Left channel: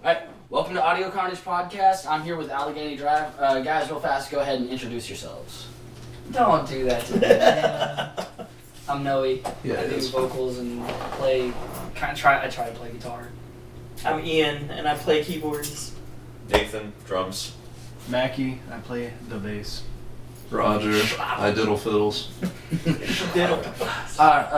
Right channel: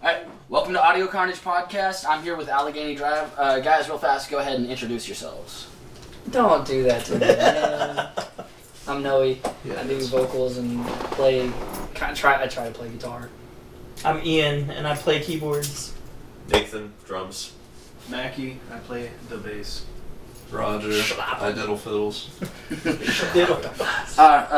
Alright, welcome to Audio Carnage Podcast. I'm here with Allegheny Drive. Guys, real fast, go ahead and introduce yourselves. Don't do that to me, man. I'm Noe. Yeah, I do vocals and play. I try to play guitar. I'm Ian, and I play keyboards. Nathan, drums. Mackie, I play the bass. Roger, I diddle fiddles.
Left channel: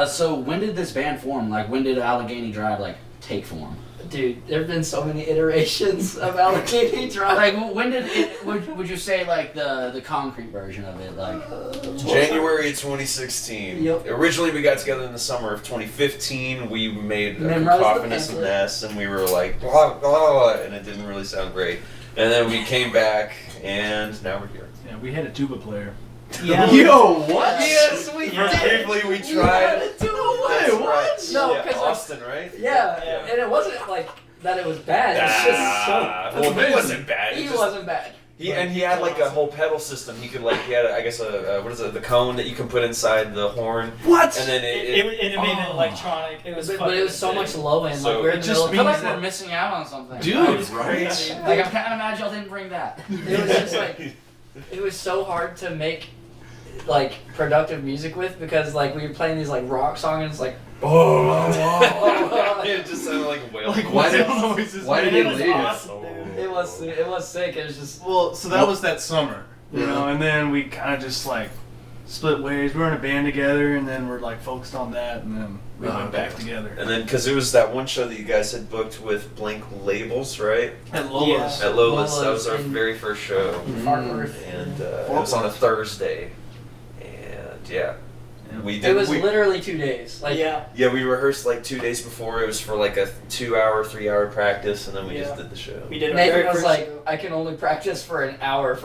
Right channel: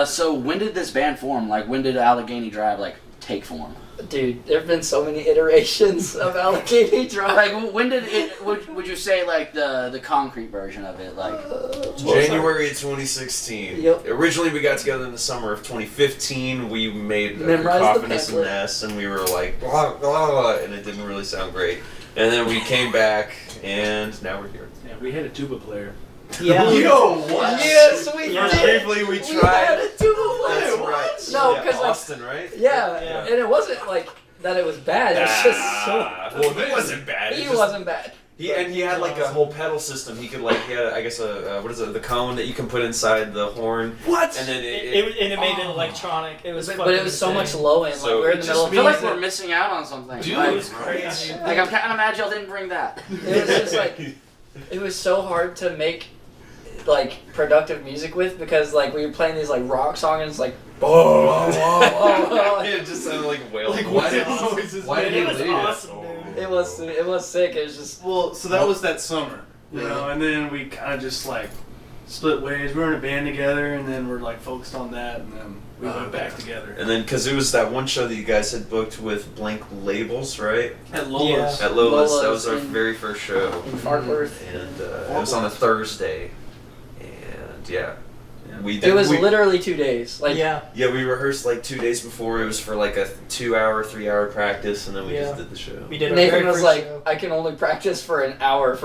So when did this band form? Like, when did Allegheny Drive, take form? Dude, there have been so many iterations of Allegheny Drive. Like, when did it, would you say, the concrete version of it, January 2016. Yep. Originally, we got together in the summer of 2015. We made a Memorized the cacophonous pamphlet. mess, and we were like, blah, blah, blah, and it didn't really sound great. And then we came back, and now we're here. Yeah, we had a tuba player. Yeah. Yo, what? Yes, we Yeah. did. Briefly, we We tried. had a tuba That's player. right. No, Yeah, 'cause, like- Austin, right? Yeah, Yeah. and it wasn't like that. It was bad. It's just so. Well, he wasn't bad. He It just- wasn't bad. He had a whole pedal system. He could he had I guess the cone that you can put inside the horn. What? And then It made it electronic. It was But it was so much low end. So Like we're in it the just middle of I feel like it. we're missing out on something. Dude, it was crazy. Like, I'm kind of mad y'all didn't bring that. It was just like it was so hard to make productive music with because we were playing these rock songs and it's like It just sounded like wailing. why did it he was leave? awesome, dude. it was sick. It was just Well, so that was that summer, you Yeah. know, and then we kind of just split ways. We were in a band together, and then we're focused on that, and then we went back together. And then, because it was that one show that you guys had booked with Blank Labels, right? At Lola's. At Lola's, that Lola's was our in- very first show. in Fartworth. And it was on a Thursday. And yeah. We did, It was literally 2 days. Yeah. Yeah, we rehearsed 2 days before. It was for a 2-hour, 3-hour practice, and then we just Yeah. did the show. We did our Nathan very was first like, show. I can only practice for an hour.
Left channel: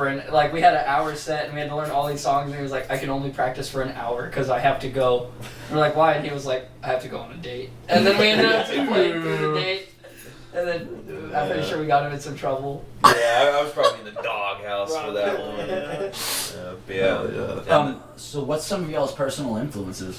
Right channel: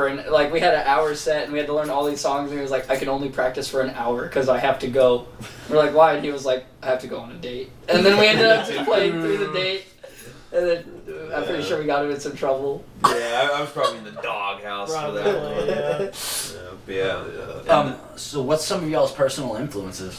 We had an hour set and we had to learn all these songs. And he was like, I can only practice for an hour because I have to go. We're like, why? And he was like, I have to go on a date. And then we ended up playing through the date. And then I'm pretty sure we got him in some trouble. Yeah, I was probably in the doghouse for that one. Yeah. So what's some of y'all's personal influences?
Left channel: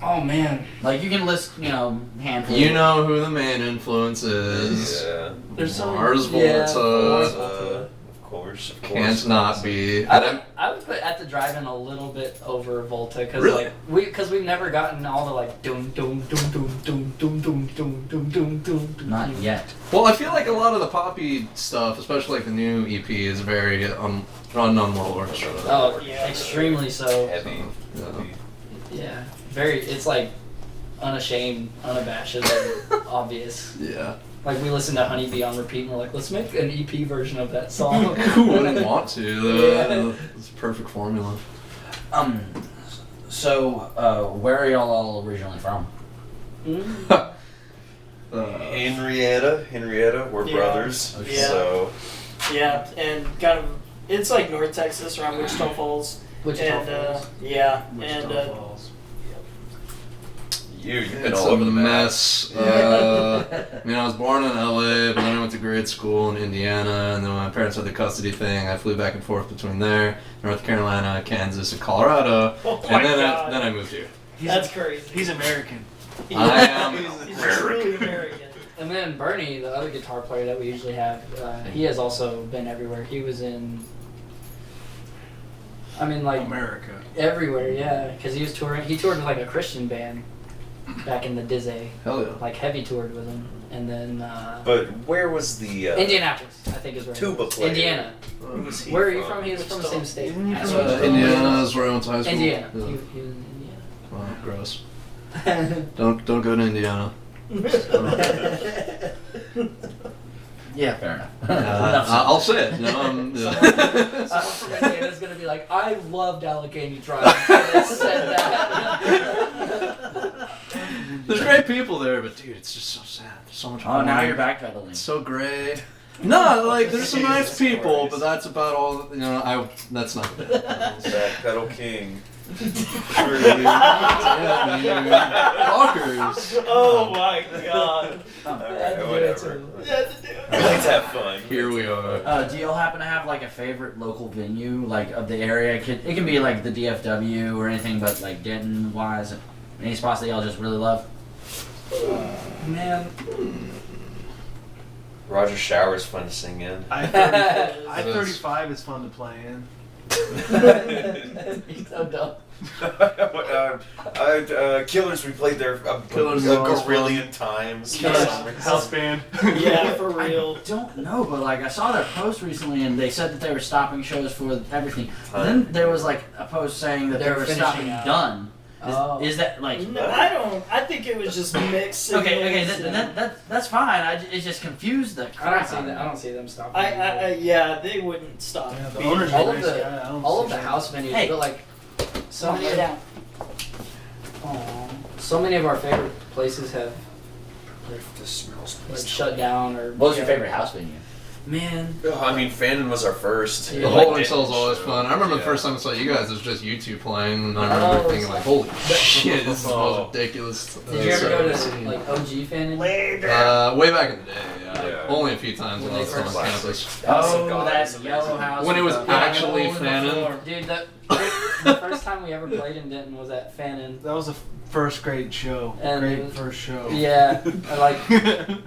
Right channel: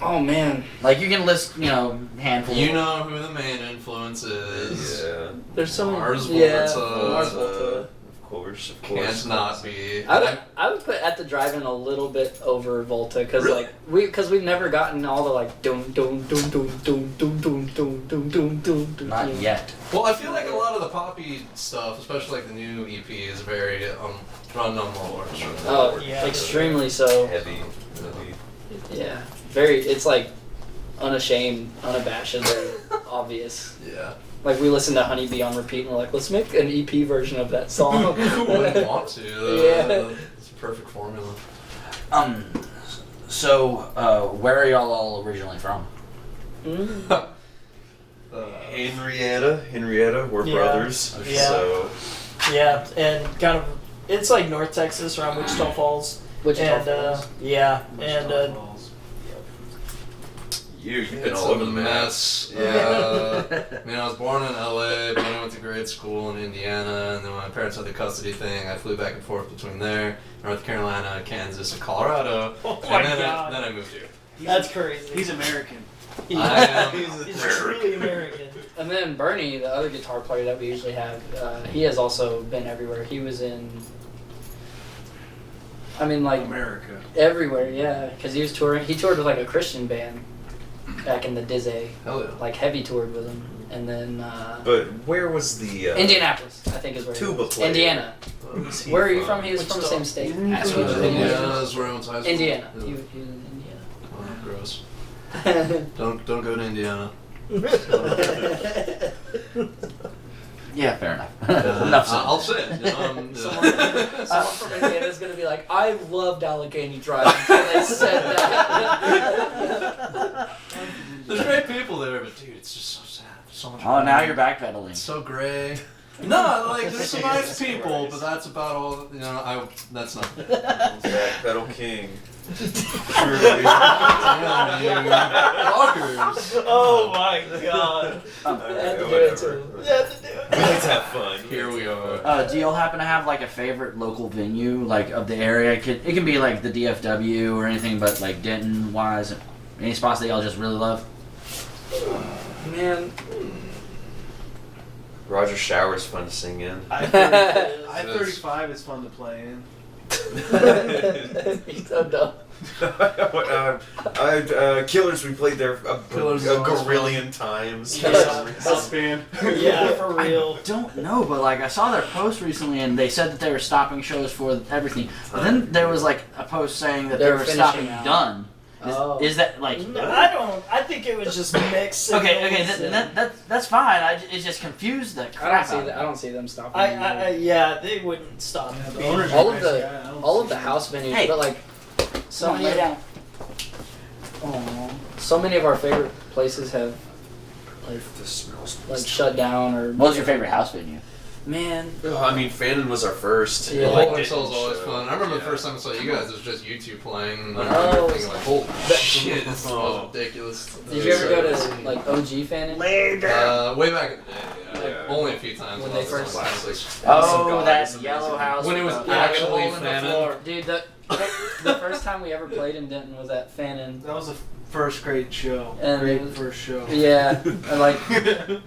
Oh man, You can list, handful. You know who the main influence is. Yeah. there's some. Mars yeah, Volta. Mars Of Volta. course. Can't not be. I would put At the Drive-In a little bit over Volta because Really? we've never gotten all the dum dum dum dum dum dum dum dum dum dum dum. Not yet. Well, I feel like a lot of the poppy stuff, especially the new EP, is very run on low orchestra. Oh, Yeah. extremely so. Heavy. Yeah, very. It's unashamed, unabashedly obvious. Yeah. We listen to Honeybee on repeat and we're like, let's make an EP version of that song. Who wouldn't want to? Yeah. It's a perfect formula. Where are y'all all originally from? Mm. Henrietta, we're Yeah. brothers. Yeah. So Yeah, and kind of, it's North Texas around Wichita Falls. Wichita And, Falls. yeah, Wichita and, Falls. you've been It's all a over the map. mess. I was born in LA, but then I went to grade school in Indiana, and then when my parents had the custody thing, I flew back and forth between there, North Carolina, Kansas, and Colorado, oh my and then God. I moved here. That's crazy. He's American. I am He's truly American. And then Bernie, the other guitar player that we usually have, he has also been everywhere. He was in, America. everywhere, yeah. Because he was touring. He toured with a Christian band back in the Dizzy. Hell yeah. Heavy toured with him. And then But where was the Indianapolis, I think is where. tuba player? Indiana. Who's he Where are you from? He was from the same state. Indiana is where I went to high school. Indiana. Yeah. He was in Oh, gross. Indiana. Don't go to Indiana. Yeah, fair enough. I'll say it. Someone from Indiana is gonna be like, I loved Allegheny Drive. And they said that. There's great people there, but dude, it's just so sad. There's so much. Oh, now wrong. you're backpedaling. It's so gray. No, there's some nice Jesus people, Christ. but that's about all. That's not. Pedal King. Surely. Walkers. Oh my God. I had to do it too. You had to do it. We like to have fun. Here we are. Do y'all happen to have a favorite local venue of the area? It can be the DFW or anything, but Denton wise, any spots that y'all just really love? Man, Roger Shower's fun to sing in. I-35 is fun to play in. He's so dumb. Killers, we played there Killers a is always gorillion times. House band. Yeah, for real. I don't know, but like I saw their post recently, and they said that they were stopping shows for everything. But then there was like a post saying that they They're were finishing stopping out. done. Oh. Is that like? No, I don't. I think it was just mixed. Okay, signals that's fine. It just confused the I crap don't see out of that. me. I don't see them stopping. yeah, they wouldn't stop. Yeah, the being- owner's all of crazy. the I don't all of see the that. house venues, Hey. but like so Come on, lay many. down. Aw. So many of our favorite places have This smells like shut down or. What was your favorite house venue? Man, I mean, Fannin was our first. Yeah. The Like, Holding Cell's always fun. I remember the Yeah. first time I saw you guys, it was just you two playing, and I Oh, remember thinking like, holy shit, this is the Oh. most ridiculous. did you ever go to like OG Fannin? Way back in the day, yeah. Yeah. Only a few times When when I they was on first- campus. Oh, guys, that some yellow guys. house. When it was with the- actually hole in the Fannin. floor. Dude, the first time we ever played in Denton was at Fannin. That was a first grade show. And Great it was- first show. Yeah, and, like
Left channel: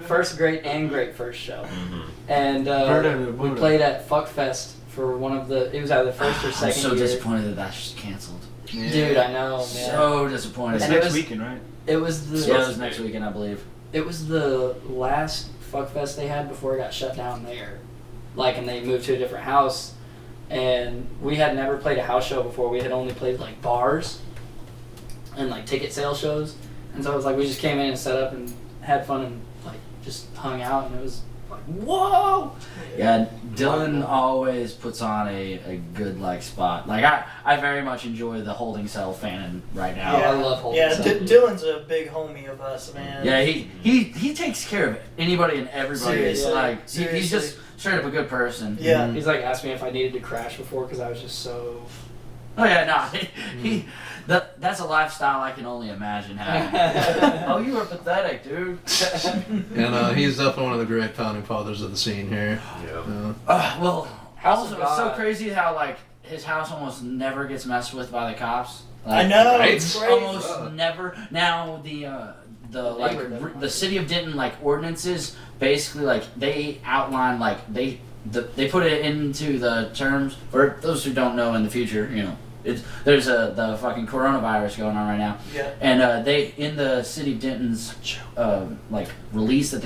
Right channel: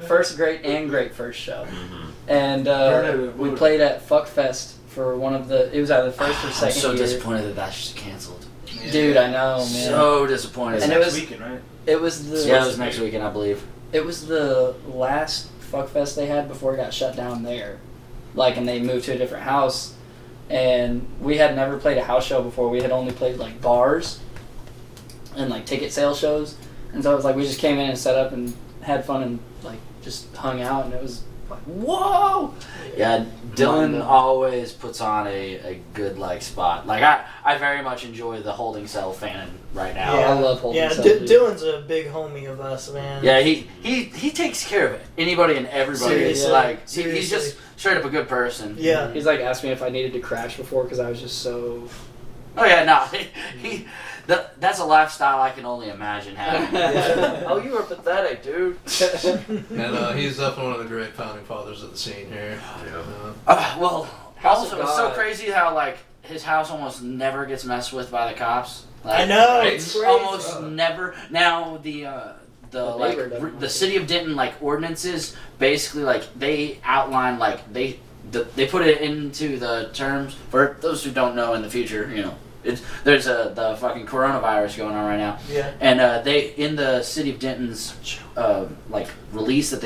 first great and great first show. Mm-hmm. And Buddha, we Buddha. played at Fuckfest for one of the. It was either the first or I'm second so year. disappointed that that's just canceled. Dude, I know, man. So disappointed. It's And it next was- weekend, right? It was the. Yeah, it was next weekend, I believe. It was the last Fuckfest they had before it got shut down there. Like, and they moved to a different house. And we had never played a house show before. We had only played, like, bars and, like, ticket sale shows. And so it was like we just came in and set up and had fun and, like, just hung out. And it was like, whoa! Yeah, Dylan always puts on a good like spot. Like I very much enjoy the Holding Cell fan right now. I love Holding Yeah, Cell. Dylan's a big homie of us, man. Yeah, he takes care of anybody and everybody. Seriously. Like he's Seriously. just straight up a good person. Yeah. He's like asked me if I needed to crash before because I was just so. Oh yeah, no, that's a lifestyle I can only imagine having. Oh, you are pathetic, dude. And he's definitely one of the great founding fathers of the scene here. Yeah. Well, House also of it's so God. crazy how like his house almost never gets messed with by the cops. I Like, know. Right? It's crazy. almost never. Now the like neighbor doesn't the like city of Denton like ordinances basically like they outline like they put it into the terms for those who don't know in the future. You know, there's the fucking coronavirus going on right now. Yeah. And they in the city of Denton's like release that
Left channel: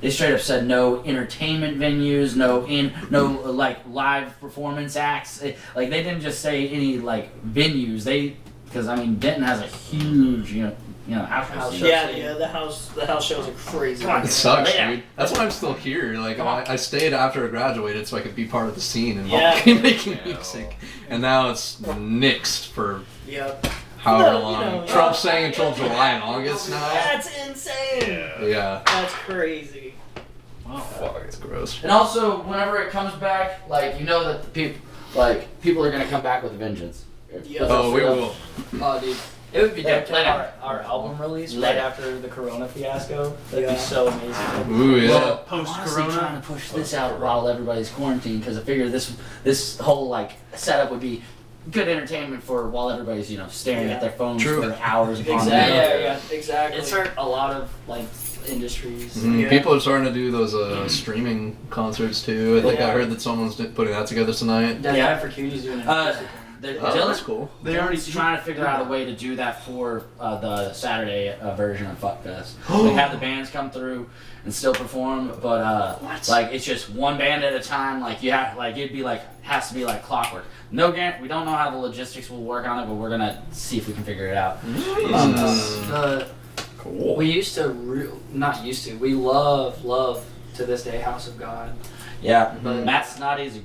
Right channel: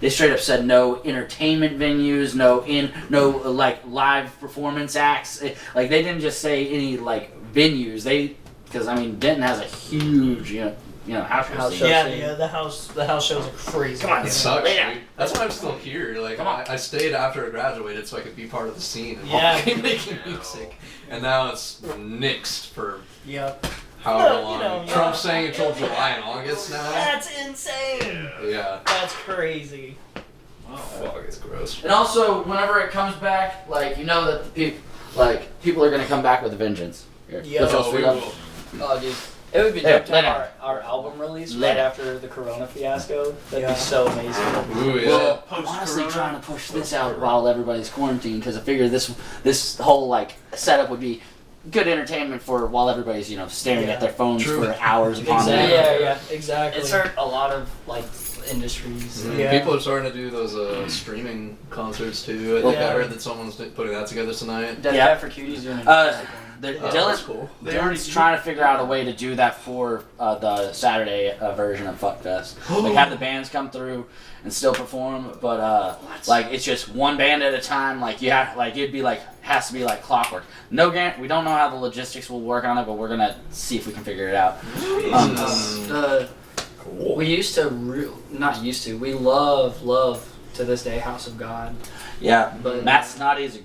they straight up said no entertainment venues, no like live performance acts. Like they didn't just say any like venues. Because I mean Denton has a huge house House scene. show. Yeah, the house shows are crazy. Come on. It sucks, Yeah. dude. That's why I'm still here. Like, Come on. I stayed after I graduated so I could be part of the scene and Yeah. making music. And now it's nixed for Yeah. however No, you long. know, Trump's saying until July and August now. That's insane. Yeah. That's crazy. Fuck, it's gross. And also, whenever it comes back, like you know that people are gonna come back with a vengeance. Yeah. With Oh, us, we with us. will. Oh, dude. It would be Yeah, dope to let have our album release Let right it. after the Corona fiasco. That'd Yeah. be so amazing. Ooh, yeah. Well, Post-corona? honestly, trying to push this out while everybody's quarantined because I figure this whole like setup would be good entertainment for while everybody's staring at their phones True. for hours upon Exactly. end. Yeah. Exactly. It's hurt a lot of like industries. Mhm. Yeah. People are starting to do those streaming concerts too. I think Yeah. I heard that someone's putting that together tonight. Death Yeah. Cab for Cutie's doing it. Oh, that's cool. They already Dylan's trying to figure out a way to do that for the Saturday version of Fuckfest. Like have the bands come through and still perform, but like it's just one band at a time. Like you have it'd be like has to be like clockwork. No guarantee. We don't know how the logistics will work on it, but we're gonna see if we can figure it out. Cool. We used to, not used to. We love to this day House of God. Yeah, But- Matt Snotty's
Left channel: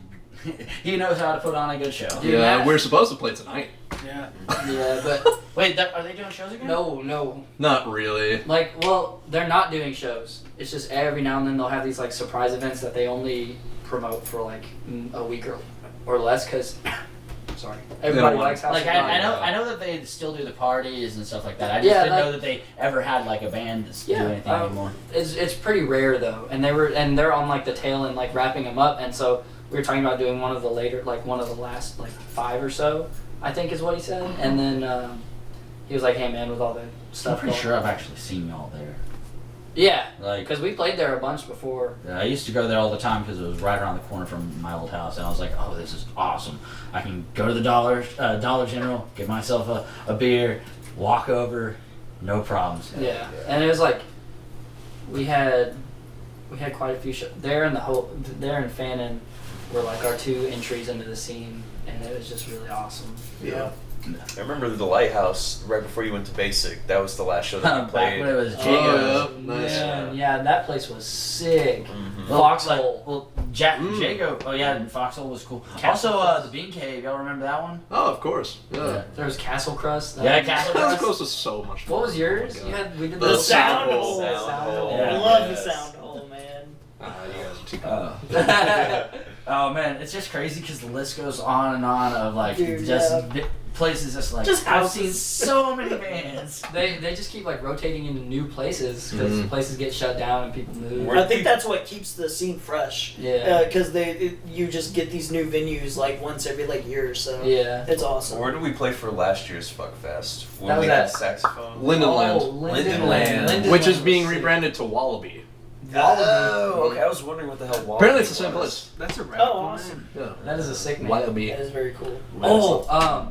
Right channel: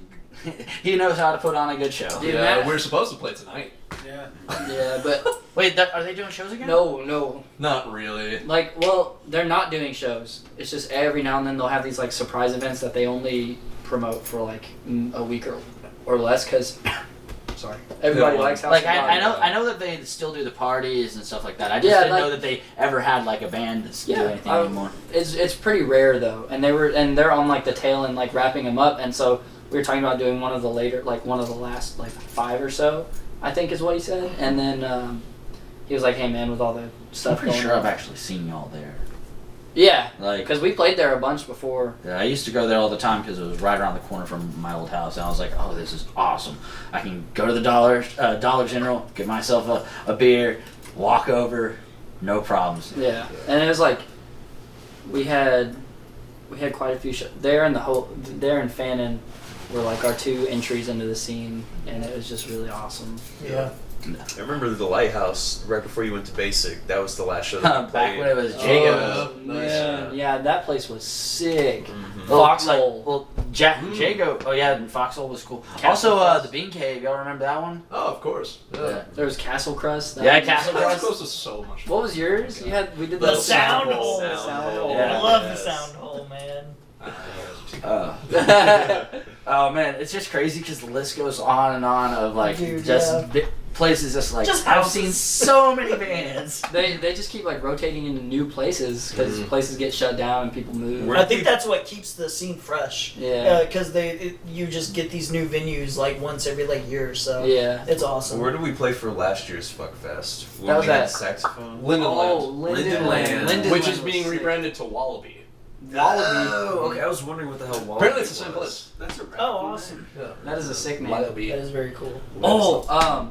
he knows how to put on a good show. Dude, Yeah, Matt- we're supposed to play tonight. Yeah. Yeah, but Wait, are they doing shows again? no. Not really. Like, well, they're not doing shows. It's just every now and then they'll have these like surprise events that they only promote for like a week or less. Cause, sorry, everybody Yeah, likes House Like of God. I know that they still do the parties and stuff like that. I just Yeah, didn't like- know that they ever had like a band that's do Yeah, anything anymore. It's pretty rare though, and they're on like the tail end, like wrapping them up, and so we were talking about doing one of the last like 5 or so, I think is what he said, and then he was like, hey man, with all the I'm stuff pretty going sure on. I've actually seen y'all there. Yeah, Like, because we played there a bunch before. I used to go there all the time because it was right around the corner from my old house, and I was like, "Oh, this is awesome! I can go to the Dollar General, get myself a beer, walk over, no problems." Yeah, and it was like we had quite a few there in there in Fannin were like our 2 entries into the scene, and it was just really awesome. Yeah. I remember the Lighthouse right before you went to Basic. That was the last show that we Back played. when it was Oh, Jago. yeah. Nice. Yeah, that place was sick. Mhm. Foxhole. Jago. Oh yeah, and Foxhole was cool. Castle Also, Crust. the Bean Cave. Y'all remember that one? Oh, of course. Yeah. There was Castle Crust. that Yeah, was- Castle That was Crust. close to so much fun. What was yours? Oh You my God. had we did The the sound hole. hole. The sound hole. Yeah. I love the Yes. sound hole, man. You guys are too Oh man, it's just crazy because the list goes on and on of like Dude, just yeah. places just like Just I've houses. seen so many bands. They just keep like rotating into new places because places get shut down and people move. Where- I think that's what keeps the scene fresh. Yeah. Because you just get these new venues like once every like year or so. Yeah. It's awesome. Where did we play for last year's Fuck Fest? When That was we had at- saxophone. Lindenland. Oh, Lindenland. Lindenland Which is was being sick. rebranded to Wallaby. Oh, okay. I was wondering what the hell. Apparently it's the same was. place. That's a rap. Oh, awesome. Yeah. That is a sick name. Wallaby. That is very cool. Oh,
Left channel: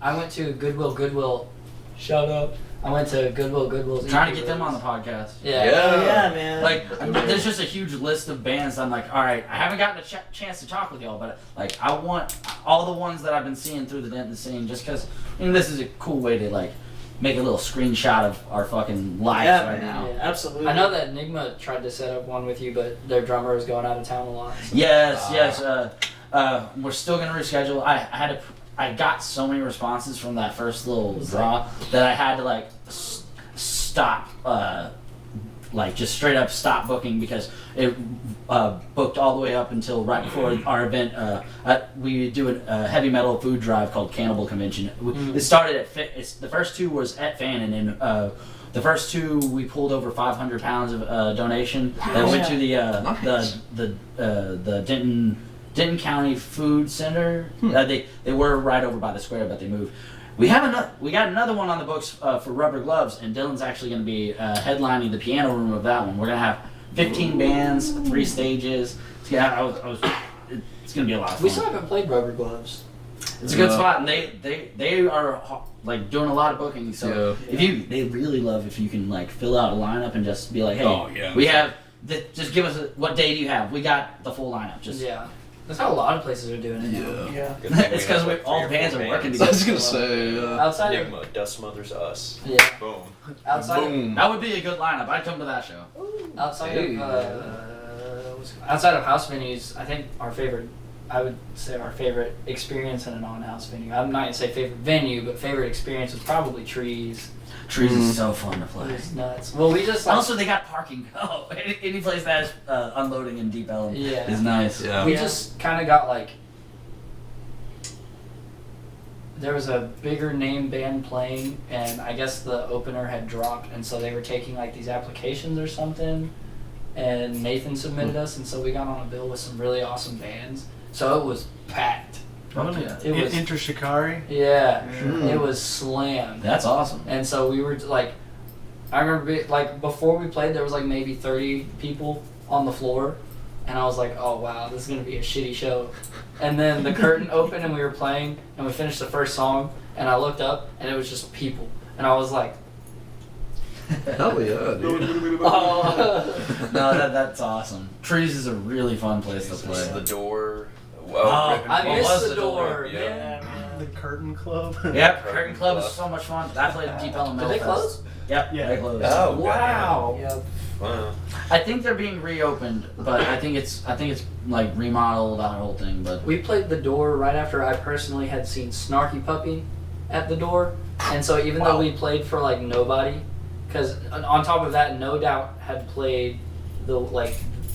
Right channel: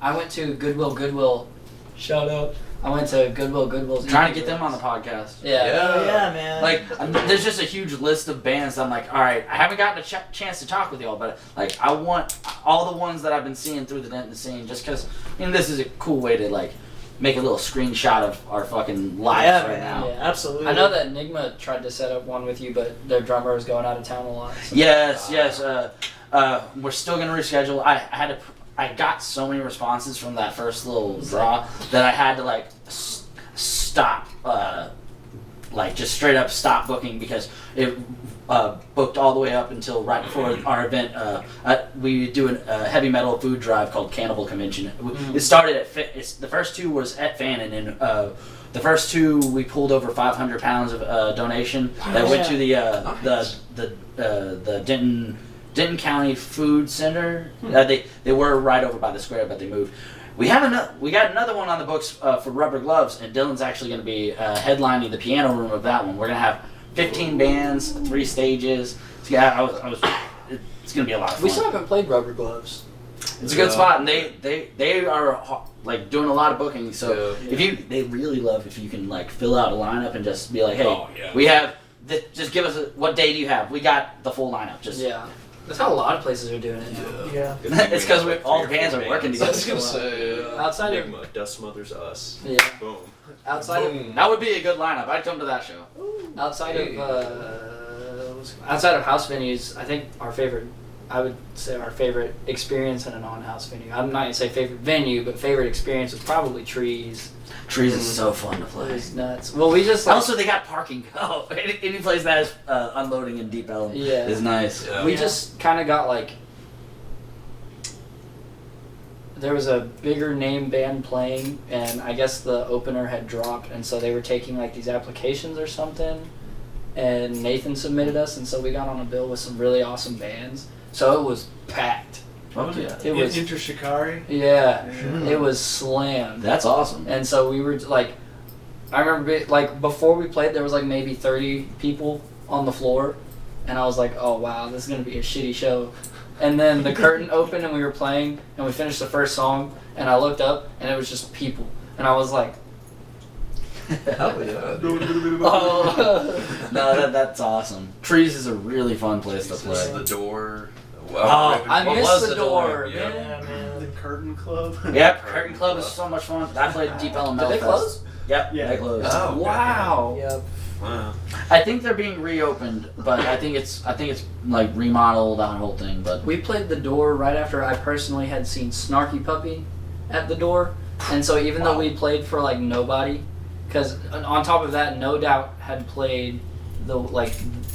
I went to Goodwill. Shout out. I went to Goodwill's. Trying to get them on the podcast. Yeah. Oh, yeah, man. Like, there's just a huge list of bands. I'm like, all right, I haven't gotten a chance to talk with y'all, but like, I want all the ones that I've been seeing through the Denton scene, just because this is a cool way to like make a little screenshot of our fucking lives yeah, right man. now. Yeah. Absolutely. I know that Enigma tried to set up one with you, but their drummer is going out of town a lot. So. Yes. We're still gonna reschedule. I got so many responses from that first little draw that I had to like stop, like just straight up stop booking because it booked all the way up until right before our event. We do a heavy metal food drive called Cannibal Convention. It started at the first 2 was at Fannin, and the first 2 we pulled over 500 pounds of donation that went to the Denton County Food Center. They were right over by the square, but they moved. We got another one on the books for Rubber Gloves, and Dylan's actually going to be headlining the piano room of that one. We're going to have 15 bands, 3 stages. So yeah, it's going to be a lot of fun. We still haven't played Rubber Gloves. It's a good spot, and they are like doing a lot of booking. So they really love if you can like fill out a lineup and just be like, hey, we have. Just give us what day do you have? We got the full lineup. Just Yeah. That's how a lot of places are doing it. Yeah. Good thing It's because have, like, all 3 or bands 4 are working bands. I together. was gonna say. Outside of Enigma, Dust Mothers, Us. yeah, Boom. outside Boom. That would be a good lineup. I'd come to that show. outside of house venues, I think I would say our favorite experience in a non-house venue. I'm not gonna say favorite venue, but favorite experience was probably Trees. Trees is so fun to It play. was nuts. Well, we just like, Also, they got parking. Oh, any place that has unloading in Deep Ellum Yeah. is nice. Yeah. we just kind of got like. There was a bigger name band playing, and I guess the opener had dropped, and so they were taking like these applications or something, and Nathan submitted us, and so we got on a bill with some really awesome bands. So it was packed. Oh, yeah. It was Inter Shikari. yeah, Mm. it was slammed. That's awesome. And so we were like, I remember like before we played, there was like maybe 30 people on the floor, and I was like, oh wow, this is gonna be a shitty show. And then the curtain opened and we were playing, and we finished the first song, and I looked up and it was just people, and I was like, Hell yeah, dude. oh. No, that's awesome. Trees is a really fun place to This play. is the door. Oh, Ripping I What missed was the door, Yeah. Yeah, The man. Curtain Club. Yep, Curtain Club is so much fun. I played Deep Ellum Did they Melfest. close? Yep, Yeah. they closed. Oh, Wow. Yep. Wow. I think they're being reopened, but I think it's like remodeled that whole thing. But We played the door right after I personally had seen Snarky Puppy at the door, and so even though we played for like nobody, because on top of that, No Doubt had played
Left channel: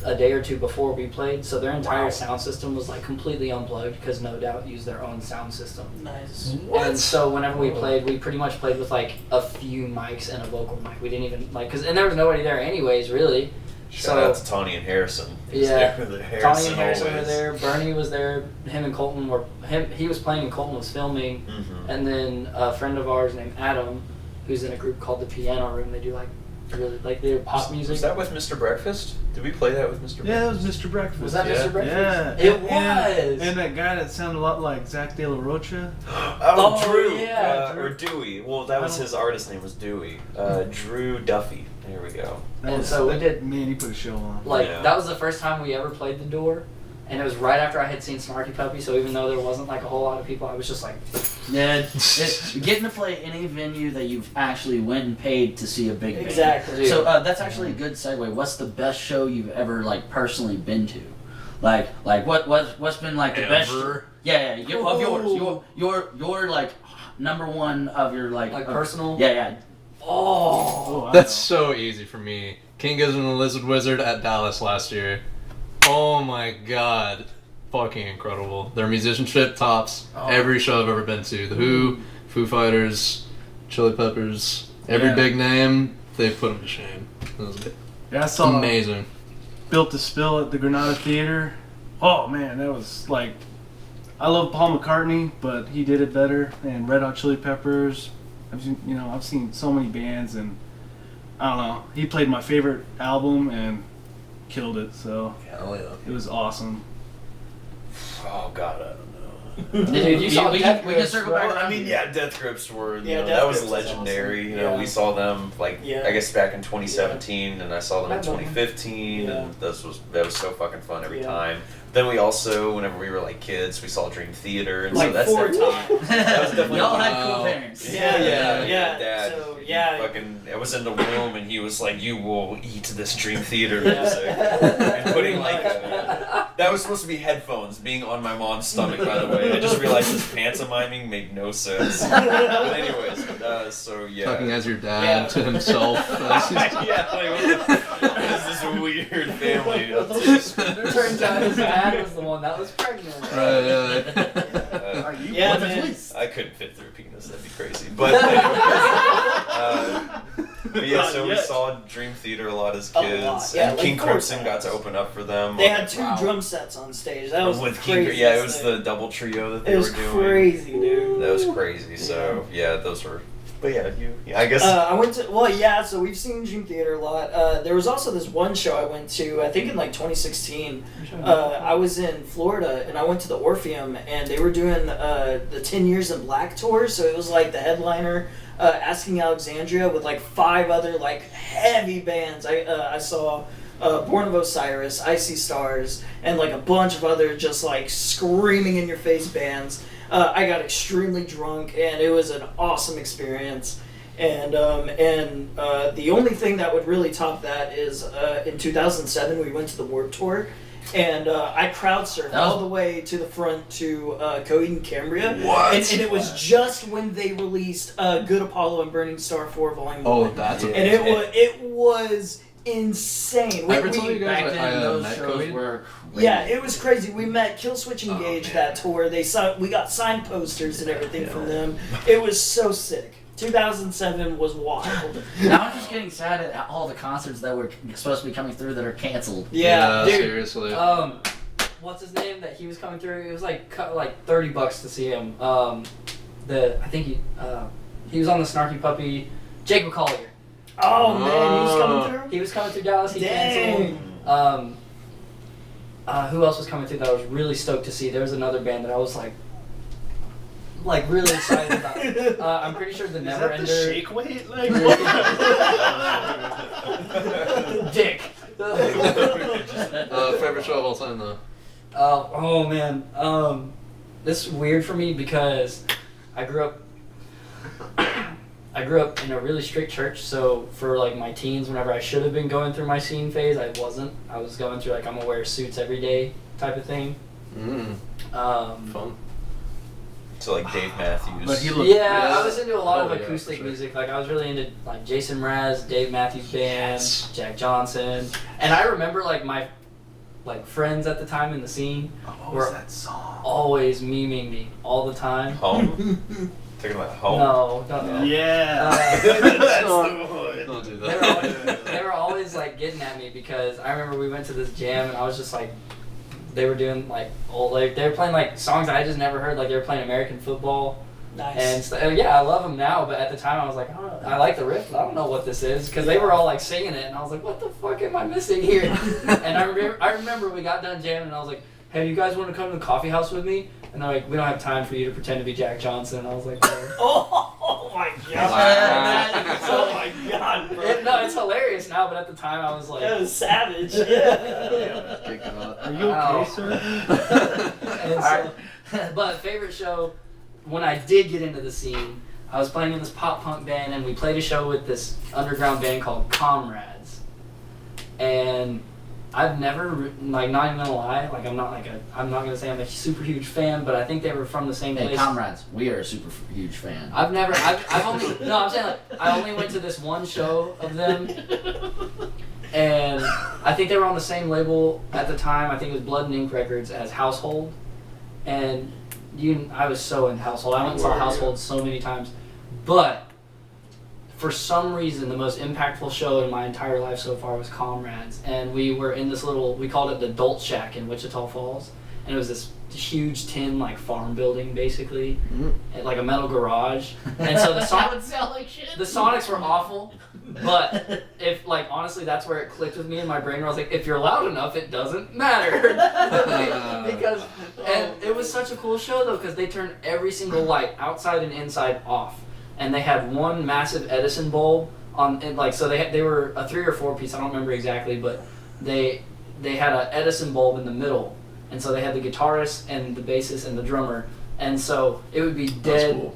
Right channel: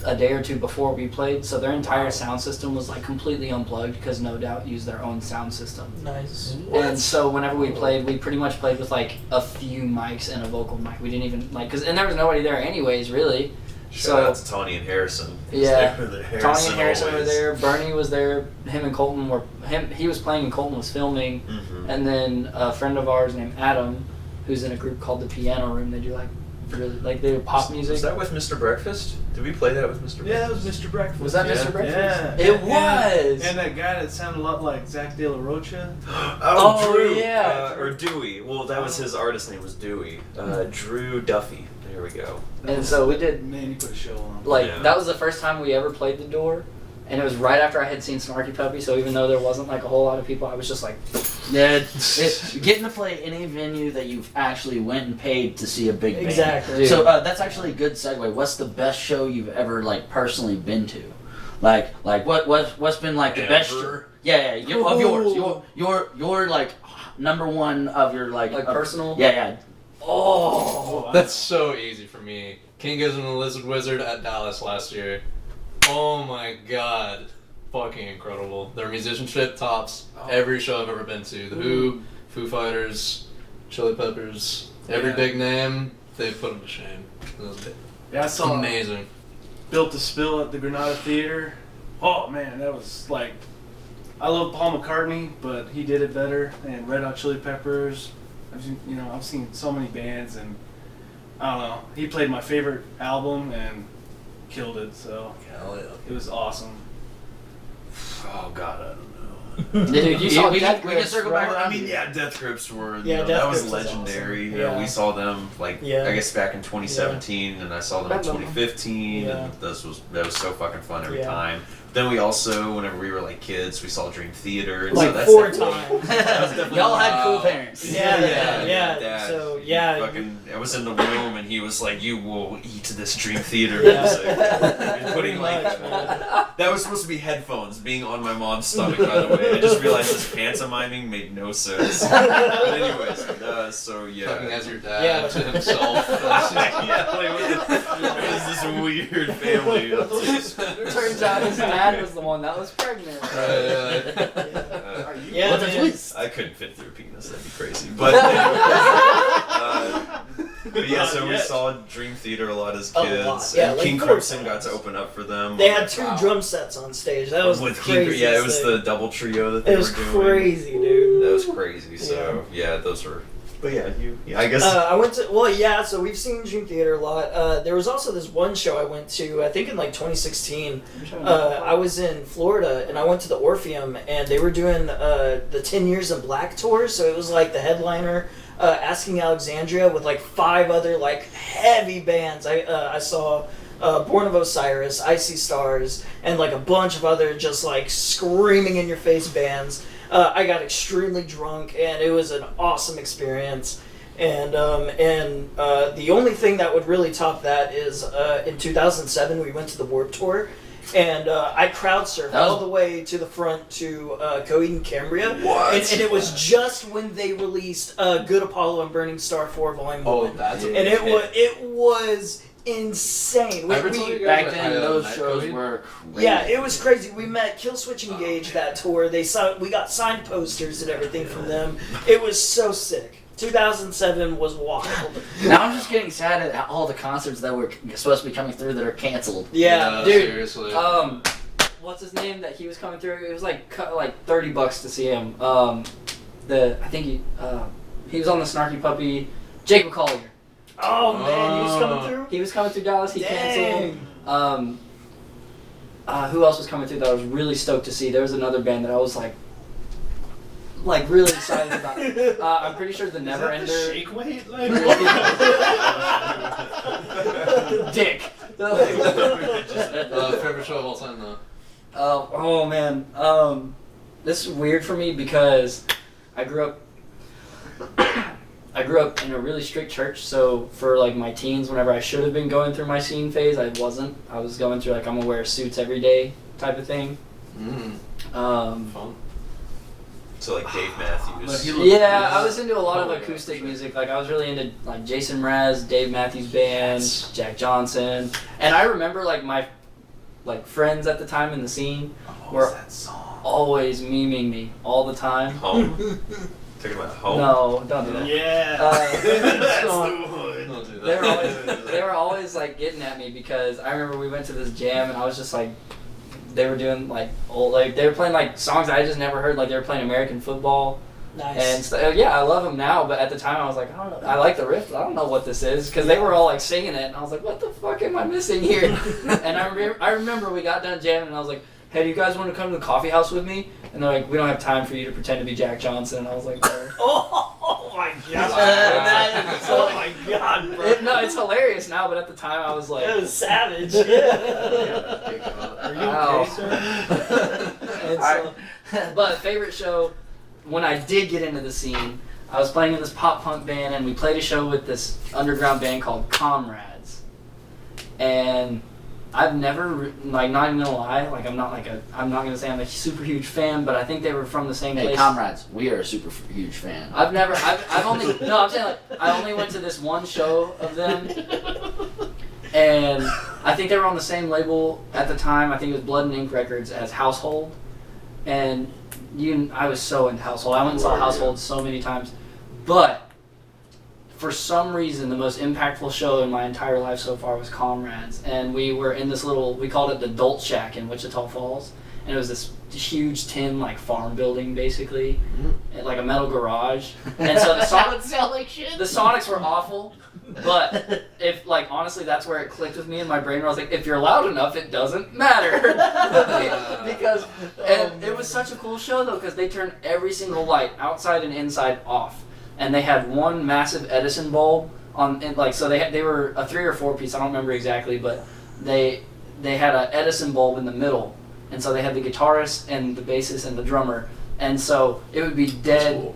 a day or 2 before we played, so their entire sound system was like completely unplugged because No Doubt used their own sound system. Nice. And so whenever we played, we pretty much played with like a few mics and a vocal mic. We didn't even and there was nobody there anyways, really. Shout out to Tawny and Harrison. Yeah. They were there. Tawny and Harrison were always. there. Bernie was there. Him and Colton he was playing and Colton was filming. Mhm. And then a friend of ours named Adam, who's in a group called the Piano Room. They do like really like they did pop music. Was that with Mr. Breakfast? Did we play that with Mr. Breakfast? Yeah, it was Mr. Breakfast. Was that Yeah. Mr. Breakfast? Yeah. It was. And that guy that sounded a lot like Zach De La Rocha. Oh, Drew. yeah. Or Dewey. Well, that was his artist name was Dewey. Drew Duffy. There we go. And so we did. Man, he put a show on. Like Yeah. that was the first time we ever played the door, and it was right after I had seen Snarky Puppy. So even though there wasn't like a whole lot of people, I was just like, Yeah, getting to play any venue that you've actually went and paid to see a big band. Exactly. Dude. So that's actually a good segue. What's the best show you've ever like personally been to? Like what's been like the best? Ever? Yeah, of yours. Your like number one of your like personal. Yeah. Oh. That's so easy for me. King Gizzard and the Lizard Wizard at Dallas last year. Oh my god. Fucking incredible. Their musicianship tops every show I've ever been to. The Who, Foo Fighters, Chili Peppers, every big name, they put them to shame. It was Yeah, I saw amazing. Built to Spill at the Granada Theater. Oh man, that was like, I love Paul McCartney, but he did it better. And Red Hot Chili Peppers. I've seen so many bands, and I don't know. He played my favorite album and killed it. So Hell yeah. it was awesome. Oh God, I don't know. Dude, you saw we Death can Grips, circle right? back around. I mean, yeah, Death Grips were, Yeah, Death that was Grips is legendary. awesome. You know, Yeah. we saw them, like, Yeah. I guess back in 2017, and I saw them in I love them. 2015, Yeah. and that was so fucking fun every Yeah. time. Then we also, whenever we were, like, kids, we saw Dream Theater, and Like so that's 4 definitely- times. That was definitely Y'all had cool Wow. parents. Yeah. Dad, So, he yeah. fucking, I was in the room, and he was like, "You will eat this Dream Theater Yeah. music." And putting, like, Pretty that was supposed to be headphones, being on my mom's stomach, by the way. I just realized this pantomiming made no sense. But anyways, so yeah. Talking as your dad Yeah. to himself. That's just- Yeah, like, what is this weird family? Turns out his dad was the one that was pregnant. Yeah, man. I couldn't fit through a penis, that'd be crazy. But, but yeah, so we saw Dream Theater a lot as A kids. lot, yeah, and like King 4 Crimson got times. to open up for them. They had 2 Wow. drum sets on stage. That was with the King, craziest yeah, it was thing. the double trio that they It was were doing. crazy, dude. That was crazy. So yeah, those were. But yeah, I guess. I went to, so we've seen Dream Theater a lot. There was also this one show I went to, I think in like 2016. I was in Florida and I went to the Orpheum and they were doing the 10 Years in Black tour. So it was like the headliner, Asking Alexandria with like 5 other like heavy bands. I saw Born of Osiris, Icy Stars, and like a bunch of other just like screaming in your face bands. I got extremely drunk, and it was an awesome experience. And the only thing that would really top that is in 2007 we went to the Warped Tour, and I crowd surfed all the way to the front to Coheed and Cambria. What? And it was just when they released Good Apollo and Burning Star 4 Volume 1. Oh, that's And it was insane. I ever told you guys Back that I, then, those met shows Coheed? were crazy. Yeah, it was crazy. We met Killswitch Engage man. that tour. We got signed posters and everything from them. It was so sick. 2007 was wild. Now I'm just getting sad at all the concerts that were supposed to be coming through that are canceled. Yeah, dude. Seriously. What's his name that he was coming through? It was like $30 to see him. I think he was on the Snarky Puppy. Jake McCollier. Oh man, he was coming through. He was coming through Dallas. He Dang. canceled. Who else was coming through that I was really stoked to see? There was another band that I was like really excited about. I'm pretty sure the Never Is that the Ender. shake weight? Like, Dick. Favorite show of all time, though. Oh man. This is weird for me because I grew up in a really strict church, so for like my teens, whenever I should have been going through my scene phase, I wasn't. I was going through like I'm gonna wear suits every day type of thing. Fun. So like Dave Matthews. But he looked- Yeah, I was into a lot of Oh, yeah, acoustic for sure. music. Like I was really into like Jason Mraz, Dave Matthews Band, Jack Johnson, and I remember like my friends at the time in the scene were that song? always memeing me all the time. Home. Talking about home. No, don't do that. Yeah. That's So- the one. Don't do They were, that. they were always like getting at me because I remember we went to this jam and I was just like, they were doing like old, like they were playing like songs I just never heard, like they were playing American football, Nice. And yeah, I love them now, but at the time I was like, I like the riff, but I don't know what this is, because they were all like singing it, and I was like, what the fuck am I missing here? And I remember we got done jamming, and I was like, hey, do you guys want to come to the coffee house with me? And they're like, we don't have time for you to pretend to be Jack Johnson. And I was like, oh my god. Wow. Oh my god, bro. No, it's hilarious now, but at the time I was like... It was savage. Yeah. Are you okay, sir? And so, but favorite show, when I did get into the scene, I was playing in this pop punk band, and we played a show with this underground band called Comrades. And I've never, like, not even gonna lie, like, I'm not gonna say I'm a super huge fan, but I think they were from the same place. Hey, Comrades, we are a super huge fan. I've only, no, I'm saying, like, I only went to this one show of them, and I think they were on the same label at the time. I think it was Blood and Ink Records as Household, and I was so into Household. I went and saw Household so many times, but for some reason, the most impactful show in my entire life so far was Comrades, and we were in this we called it the Dolt Shack in Wichita Falls, and it was this huge tin, like, farm building, basically, like a metal garage, and so the Sonics were awful, but if, like, honestly, that's where it clicked with me in my brain, where I was like, if you're loud enough, it doesn't matter, because, and it was such a cool show, though, because they turned every single light, outside and inside, off. And they had one massive Edison bulb on it, like, so they were a 3 or 4 piece, I don't remember exactly, but they had an Edison bulb in the middle, and so they had the guitarist and the bassist and the drummer, and so it would be dead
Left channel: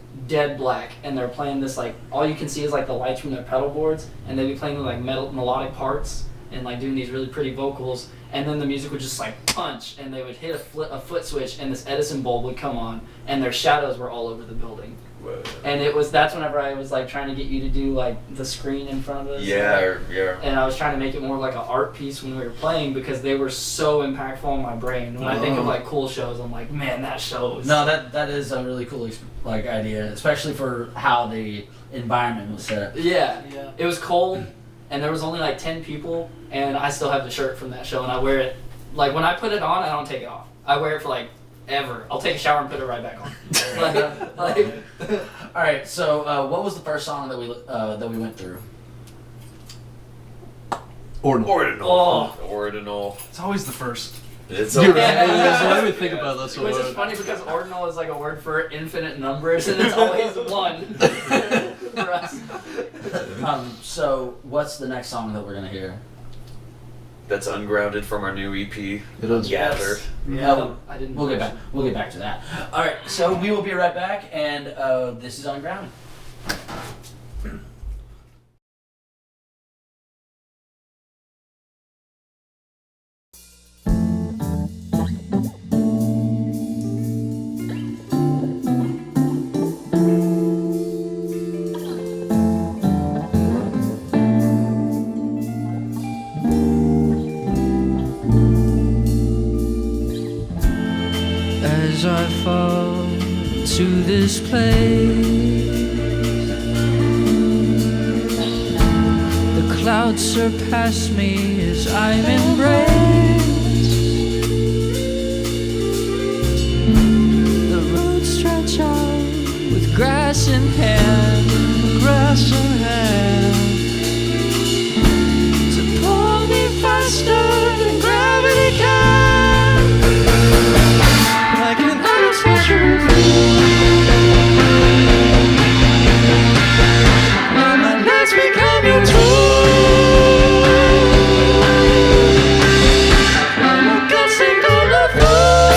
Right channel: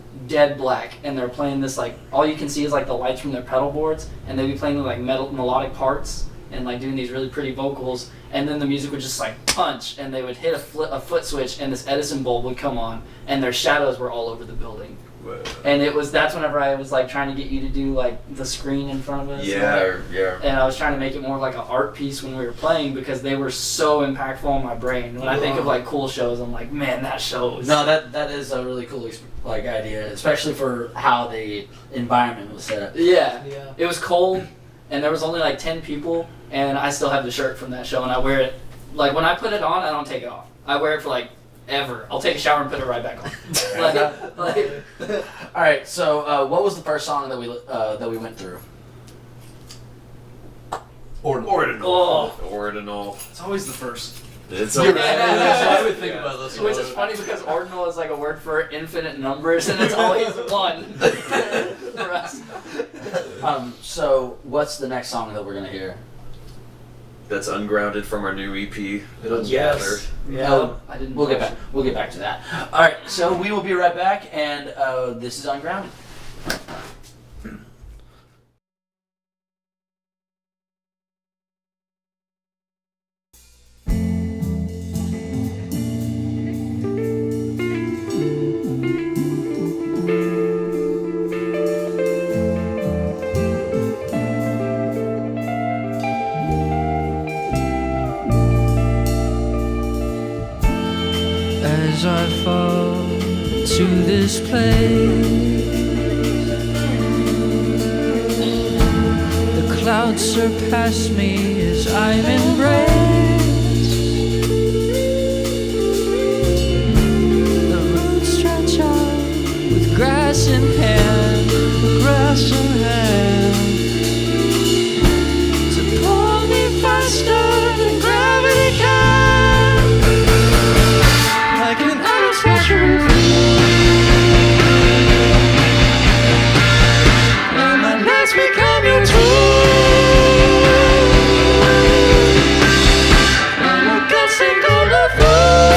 black, and they're playing this, like, all you can see is like the lights from their pedal boards, and they'd be playing like melodic parts and like doing these really pretty vocals, and then the music would just like punch, and they would hit a foot switch, and this Edison bulb would come on, and their shadows were all over the building. Whoa. And that's whenever I was like trying to get you to do like the screen in front of us. Yeah. And I was trying to make it more like an art piece when we were playing, because they were so impactful on my brain. When I think of like cool shows, I'm like, man, that show was... No, that is a really cool like idea, especially for how the environment was set up. Yeah. It was cold, and there was only like 10 people, and I still have the shirt from that show, and I wear it, like, when I put it on, I don't take it off. I wear it for like ever. I'll take a shower and put it right back on. All right. So, what was the first song that we went through? Ordinal. It's always the first. It's You're right. Yeah. I would think about this. Which is funny, because ordinal is like a word for infinite numbers, and it's always one for us. So, what's the next song that we're gonna hear? That's Ungrounded from our new EP. It doesn't matter. Yeah. I didn't. We'll get back to that. All right. So we will be right back, and this is Ungrounded. As I fall to this place, the clouds surpass me as I'm embraced. The roots stretch out with grass in hand, to pull me faster than gravity can. Like an unsmeasured and my nights become your tools, and my guts sink on the floor.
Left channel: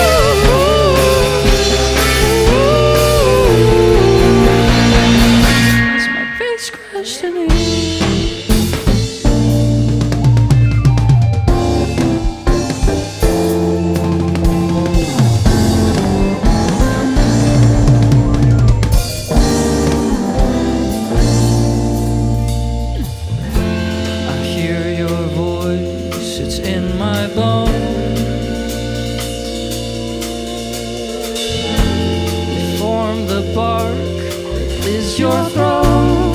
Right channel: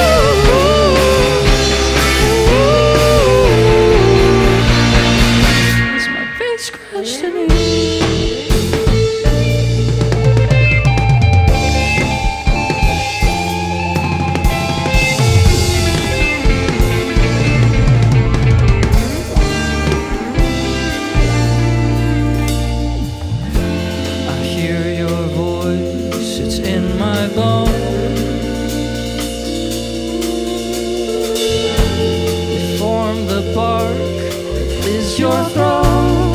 As my face crashed to knees. Your throne,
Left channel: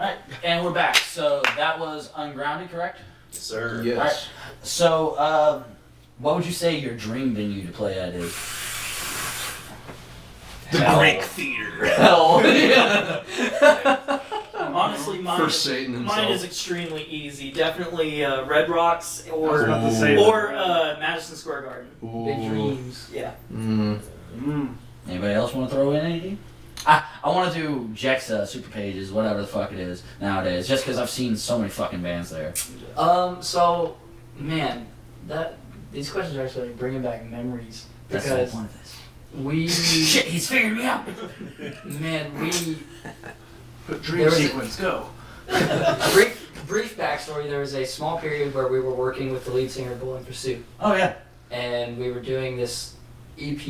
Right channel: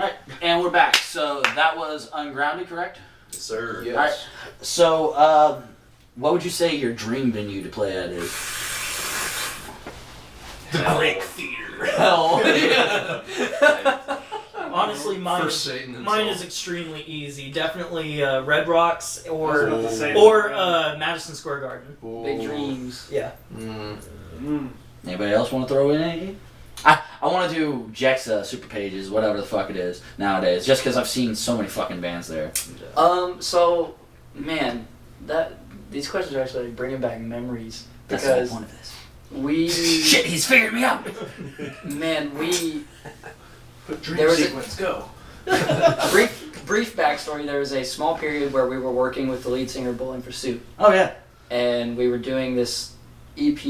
Alright, and we're back. So that was Ungrounded, correct? Yes, sir. Yes. Alright. So, what would you say your dream venue to play at is? The Hell. Greek Theater. Hell. Yeah. Honestly, mine For is, Satan himself. mine is extremely easy. Definitely Red Rocks I was about to say or Madison Square Garden. Big dreams. Yeah. Anybody else want to throw in anything? I want to do Jexa, Super Pages, whatever the fuck it is nowadays, just because I've seen so many fucking bands there. So, man, these questions are actually bringing back memories That's the whole because point of this. we, Shit, he's figured me out! man, we. Dream There was a- sequence, go. Brief backstory. There was a small period where we were working with the lead singer Bull in Pursuit, Oh, yeah. and we were doing this EP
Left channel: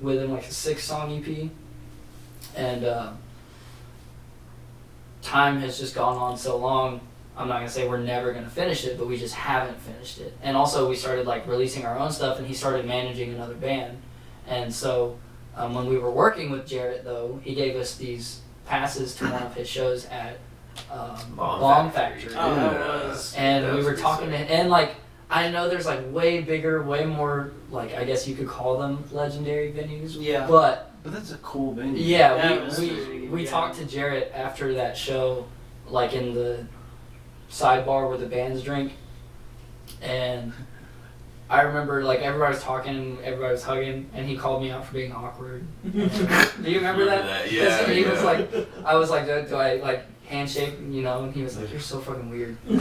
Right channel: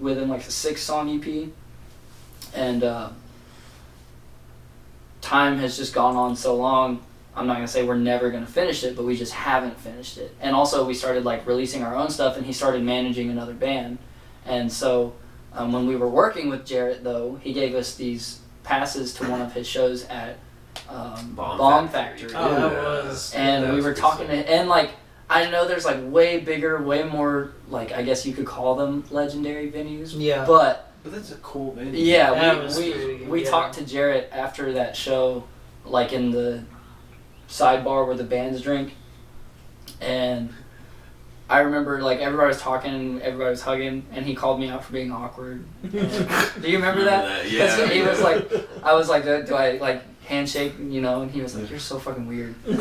with him, like a 6-song EP, and time has just gone on so long. I'm not gonna say we're never gonna finish it, but we just haven't finished it. And also we started like releasing our own stuff, and he started managing another band. And so when we were working with Jarrett, though, he gave us these passes to one of his shows at Bomb Factory. Oh, that was. And That we was were pretty talking to, sick. and like, I know there's like way bigger, way more, like, I guess you could call them legendary venues. Yeah. But But that's a cool venue. yeah, That was we pretty- yeah. talked to Jarrett after that show, like in the sidebar where the bands drink, and I remember like everybody was talking, everybody was hugging, and he called me out for being awkward. Do you remember that? Yeah. He was yeah. like, I was like, do I like handshake, you know? And he was like, you're so fucking weird. and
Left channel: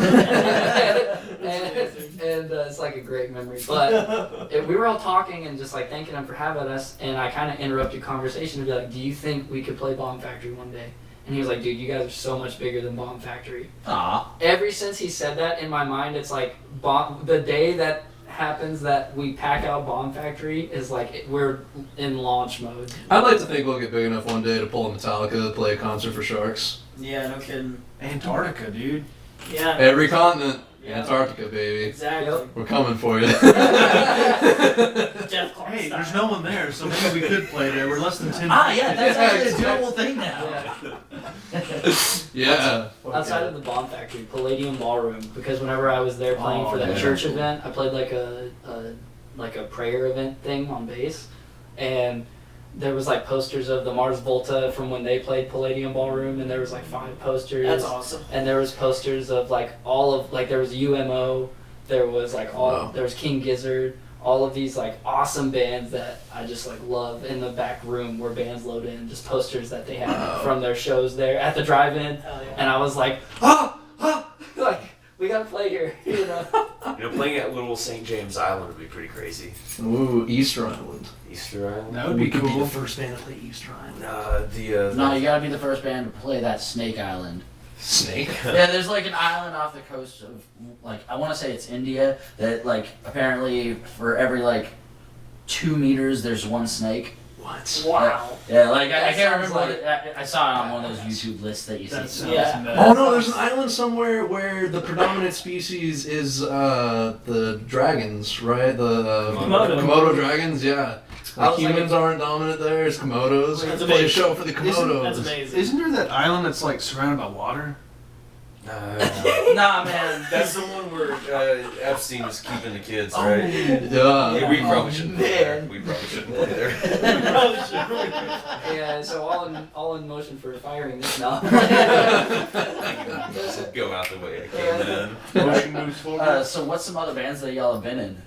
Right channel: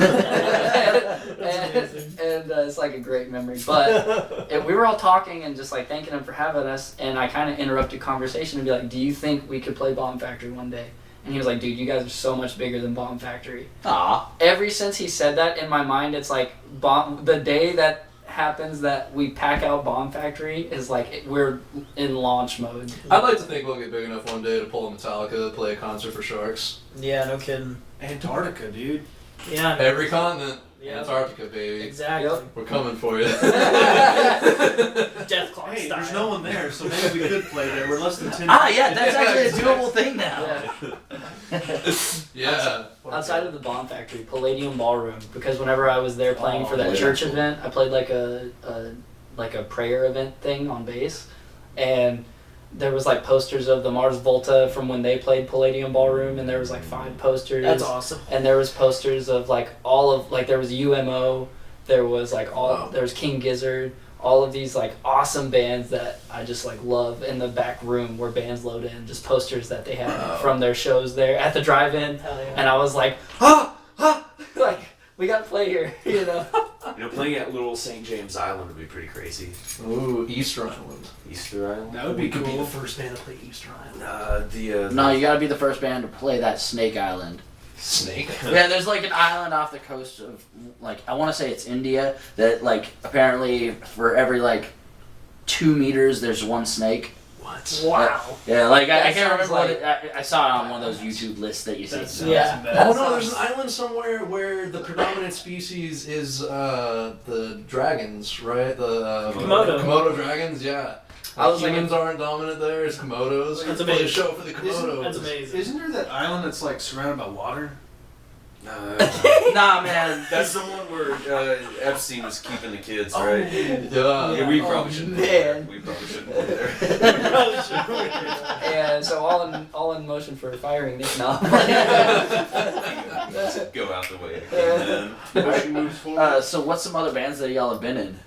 it's like a great memory. But we were all talking and just like thanking him for having us, and I kind of interrupted conversation to be like, do you think we could play Bomb Factory one day? And he was like, dude, you guys are so much bigger than Bomb Factory. Aw. Ever since he said that, in my mind, it's like the day that happens that we pack out Bomb Factory is like we're in launch mode. I'd like to think we'll get big enough one day to pull a Metallica to play a concert for Sharks. Yeah, no kidding. Antarctica, dude. Yeah. Every continent. Yeah. Antarctica, baby. Exactly. Yep. We're coming for you. Death Clock Hey, style. there's no one there, so maybe we could play there. We're less than 10 Ah, yeah, that's actually a exactly. doable thing now. Yeah. Yeah. Outside of the Bomb Factory, Palladium Ballroom, because whenever I was there playing for that yeah. church event, I played like a prayer event thing on bass, and there was like posters of the Mars Volta from when they played Palladium Ballroom, and there was like 5 posters. That's awesome. And there was posters of like all of like there was UMO, there was like Wow. there was King Gizzard, all of these like awesome bands that I just like love in the back room where bands load in, just posters that they had Wow. from their shows there at the drive-in, Hell yeah. and I was like, like we gotta play here, you know. Playing at Little St. James Island would be pretty crazy. Ooh, Easter Island. Easter Island. That would be could be cool. the first band to play Easter Island. No, you gotta be the first band to play that Snake Island. Snake. Yeah, there's like an island off the coast of, like, I want to say it's India, that, like, apparently for every, like, 2 meters there's one snake. What? Wow. Yeah, like, I That can't remember sounds what I saw it on one of those YouTube lists that you see. That's Yeah. Oh no, there's an island somewhere where the predominant species is the dragons, right? The Komodo. Komodo dragons, yeah. I was Humans aren't dominant there, it's Komodos. That's Let's play a amazing. show for the Komodos. That's amazing. Isn't there that island that's like surrounded by water? Nah, man. That's the one where Epstein was keeping the kids, Oh. right? Yeah, we probably shouldn't. man. We probably shouldn't play there. And so all in motion for firing this now. Just go out the way again, man. Motion moves forward. So what's some other bands that y'all have been in?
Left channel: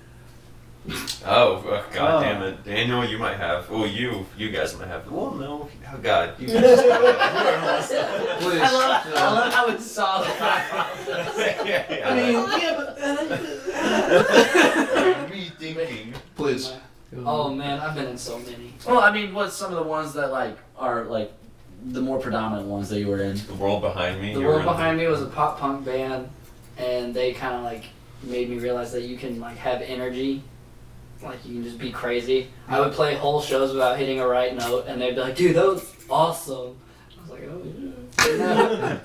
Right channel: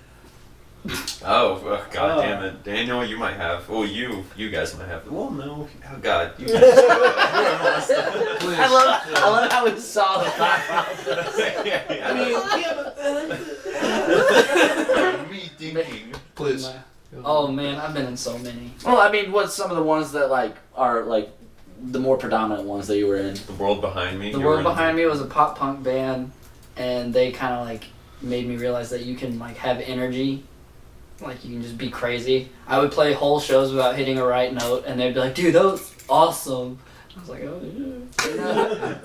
Oh, god Oh. damn it. Daniel, you might have. Well, you guys might have. Well, no. Oh, God. You guys. Please. I love how it's solid. I mean, me thinking. Please. Oh man, I've been in so many. Well, I mean, what's some of the ones that, like, are, like, the more predominant ones that you were in? The world behind me. The you World were- Behind Me was a pop punk band, and they kind of like made me realize that you can like have energy, like you can just be crazy. I would play whole shows without hitting a right note, and they'd be like, "Dude, that was awesome." I was like, "Oh yeah."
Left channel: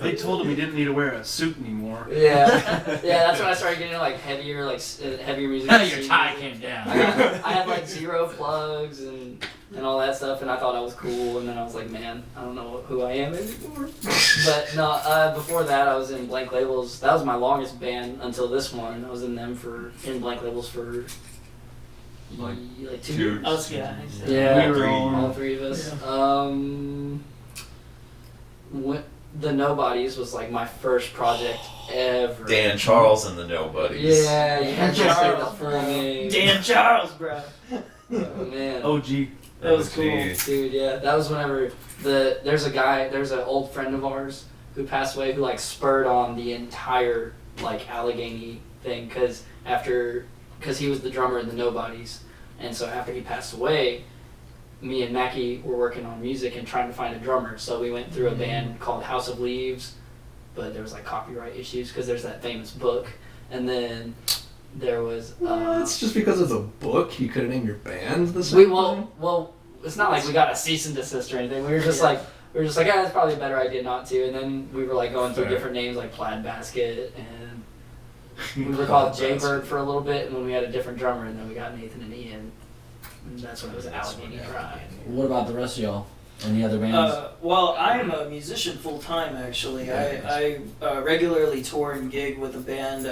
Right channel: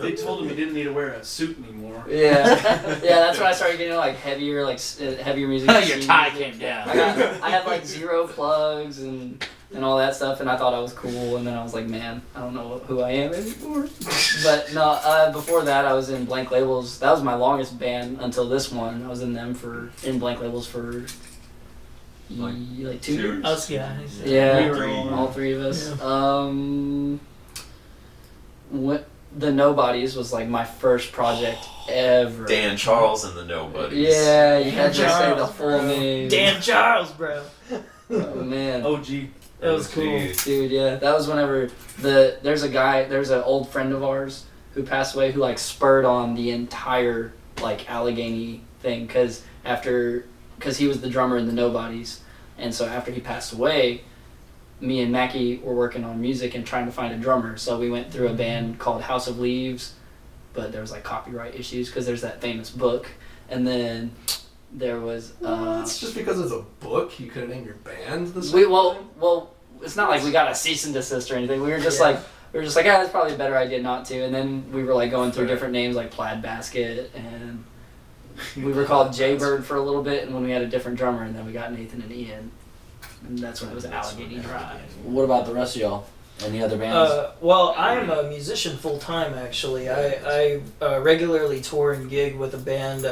They told him he didn't need to wear a suit anymore. Yeah, yeah. That's when I started getting like heavier music. Your scene tie music. came down. I had like 0 plugs and and all that stuff, and I thought I was cool, and then I was like, man, I don't know who I am anymore. But no, before that, I was in Blank Labels. That was my longest band until this one. I was in Blank Labels for like 2 years. Us guys. Yeah, We were all three of us. What the Nobodies was like my first project ever. Dan Charles and the Nobodies. Yeah, you had to say the Charles, full bro. name. Dan Charles, bro. Oh man. OG. That was cool. Jeez. Dude, yeah, that was whenever there's an old friend of ours who passed away who like spurred on the entire like Allegheny thing because he was the drummer in the Nobodies, and so after he passed away, me and Mackie were working on music and trying to find a drummer. So we went through a band called House of Leaves, but there was like copyright issues because there's that famous book, and then there was. It's just because of the book you couldn't name your band the same way? Well, it's not like we got a cease and desist or anything. We were just like, yeah, that's probably a better idea not to. And then we were like going through different names like Plaid Basket, and we were called Jaybird for a little bit. And when we had a different drummer, and then we got Nathan and Ian, and that's when it was Allegheny Drive. What about the rest of y'all? Any other bands? Well, I am a musician full time. Actually, I regularly tour and gig with a band.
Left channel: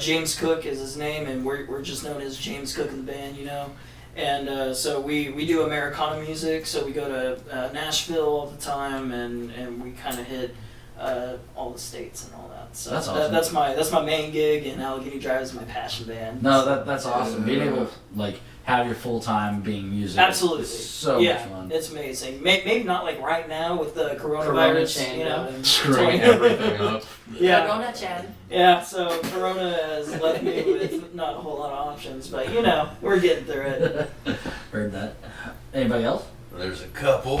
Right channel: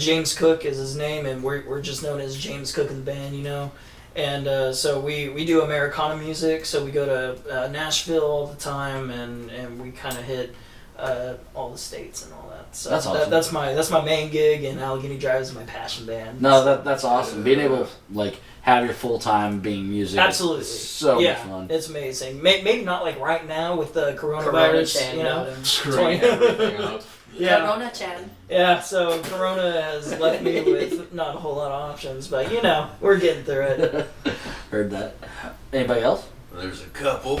James Cook is his name, and we're just known as James Cook and the band, you know. And so we do Americana music. So we go to Nashville all the time, and we kind of hit all the states and all that. So That's awesome. That's my main gig, and Allegheny Drive is my passion band. No, that's awesome. Being able to like have your full time being music. Absolutely. Is so Yeah, much fun. it's amazing. Maybe not like right now with the Corona coronavirus, chain you know. and Screwing everything up. Yeah. Chan. Yeah, so Corona has left me with not a whole lot of options, but you know, we're getting through it. Heard that. Anybody else? There's a couple.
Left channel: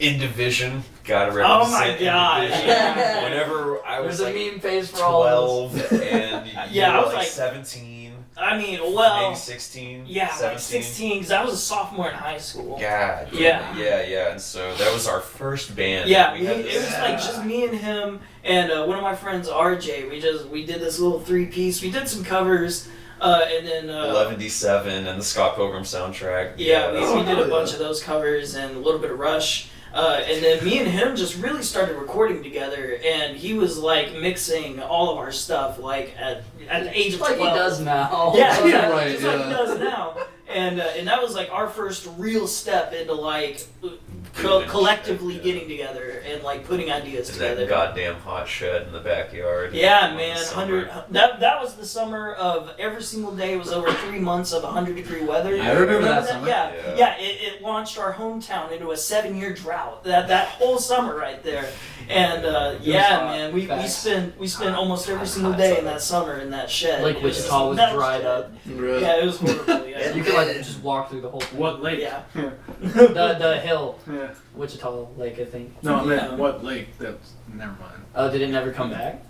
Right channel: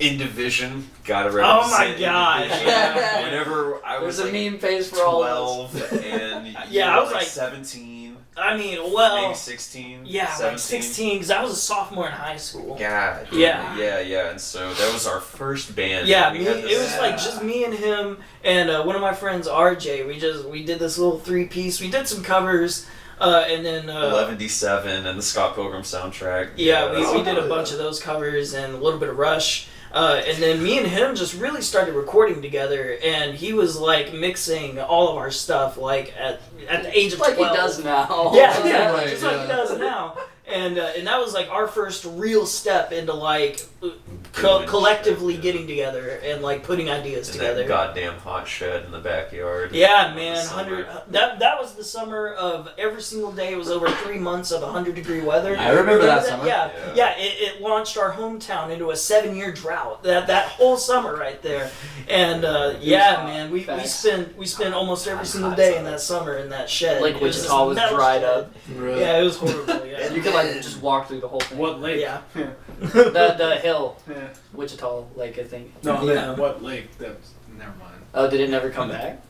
In Division, gotta Oh represent. my In gosh. Division. Yeah. Whenever I was There's a like meme phase for all of us. 12 and you Yeah, I were was like like- 17, I mean, well, maybe 16, yeah, 17. like 16, because I was a sophomore in high school. God. Yeah. And so that was our first band. Yeah, We had it this- was like just me and him and one of my friends, RJ. We did this little 3-piece. We did some covers, and then 11D7 and the Scott Pilgrim soundtrack. yeah, that's we did a really bunch of those covers and a little bit of Rush. And then me and him just really started recording together, and he was like mixing all of our stuff like at the age of Like 12. he does now. Yeah, Yeah, right, just like he yeah. does now. And that was like our first real step into like Doing collectively shit, yeah. getting together and like putting ideas in together. that goddamn hot shed in the backyard. Yeah, in the man, summer. that was the summer of every single day. It was over 3 months of 100-degree weather. I remember that summer. Yeah, Yeah. it launched our hometown into a 7-year drought. That whole summer right there, and yeah, man, we spent almost every single day in that summer in that shed. Like It was Wichita was metal dried shed. up. Right. Yeah, it was horrible. Yeah. You could like just walk through the whole thing. What lake? Yeah. The hill, Yeah. Wichita Lake, I think. No, Yeah. what lake? That's never mind. Oh, did it never come back?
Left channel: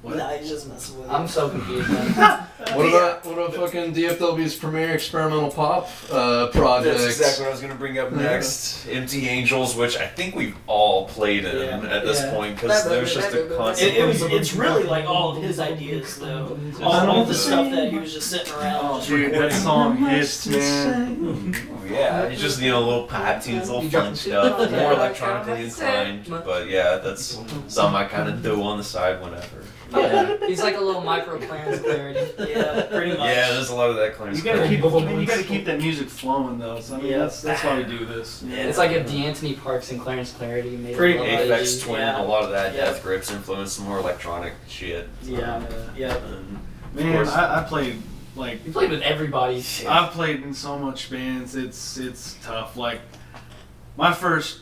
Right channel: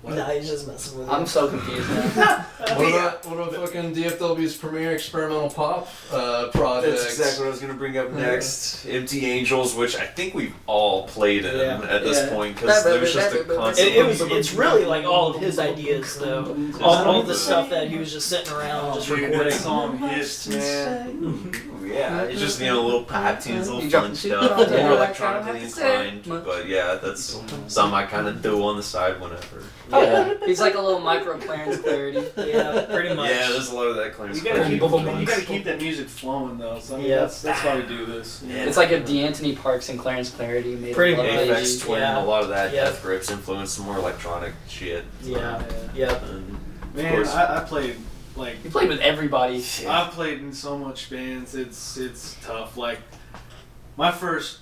What? Nah, he's just messing with I'm you. so confused now. What about fucking DFW's premier experimental pop project? That's exactly what I was going to bring up next. Empty Angels, which I think we've all played in Yeah. at this Yeah. point, because there's just a constant... It's really like all of his ideas though. All the stuff that he was just sitting around just Dude, that recording. song hits, man. Yeah, it's just, little pop tunes, little You fun jump- stuff, Yeah. more electronically inclined. But yeah, that's something I kind of do on the side whenever. Yeah. He's like a little micro Clarence Clarity. Yeah, pretty much. Yeah, there's a lot of that Clarence You gotta Clarity. keep that music flowing though. So I mean, Yeah. that's why we do this. Yeah. It's like if D'Antoni Parks and Clarence Clarity made Pretty a much. Aphex Twin, Yeah. a lot of that Yeah. Death Grips influenced some more electronic shit. Yeah. Yeah. And of Man, course, I played like He played with everybody. I've played in so much bands. It's tough. Like my first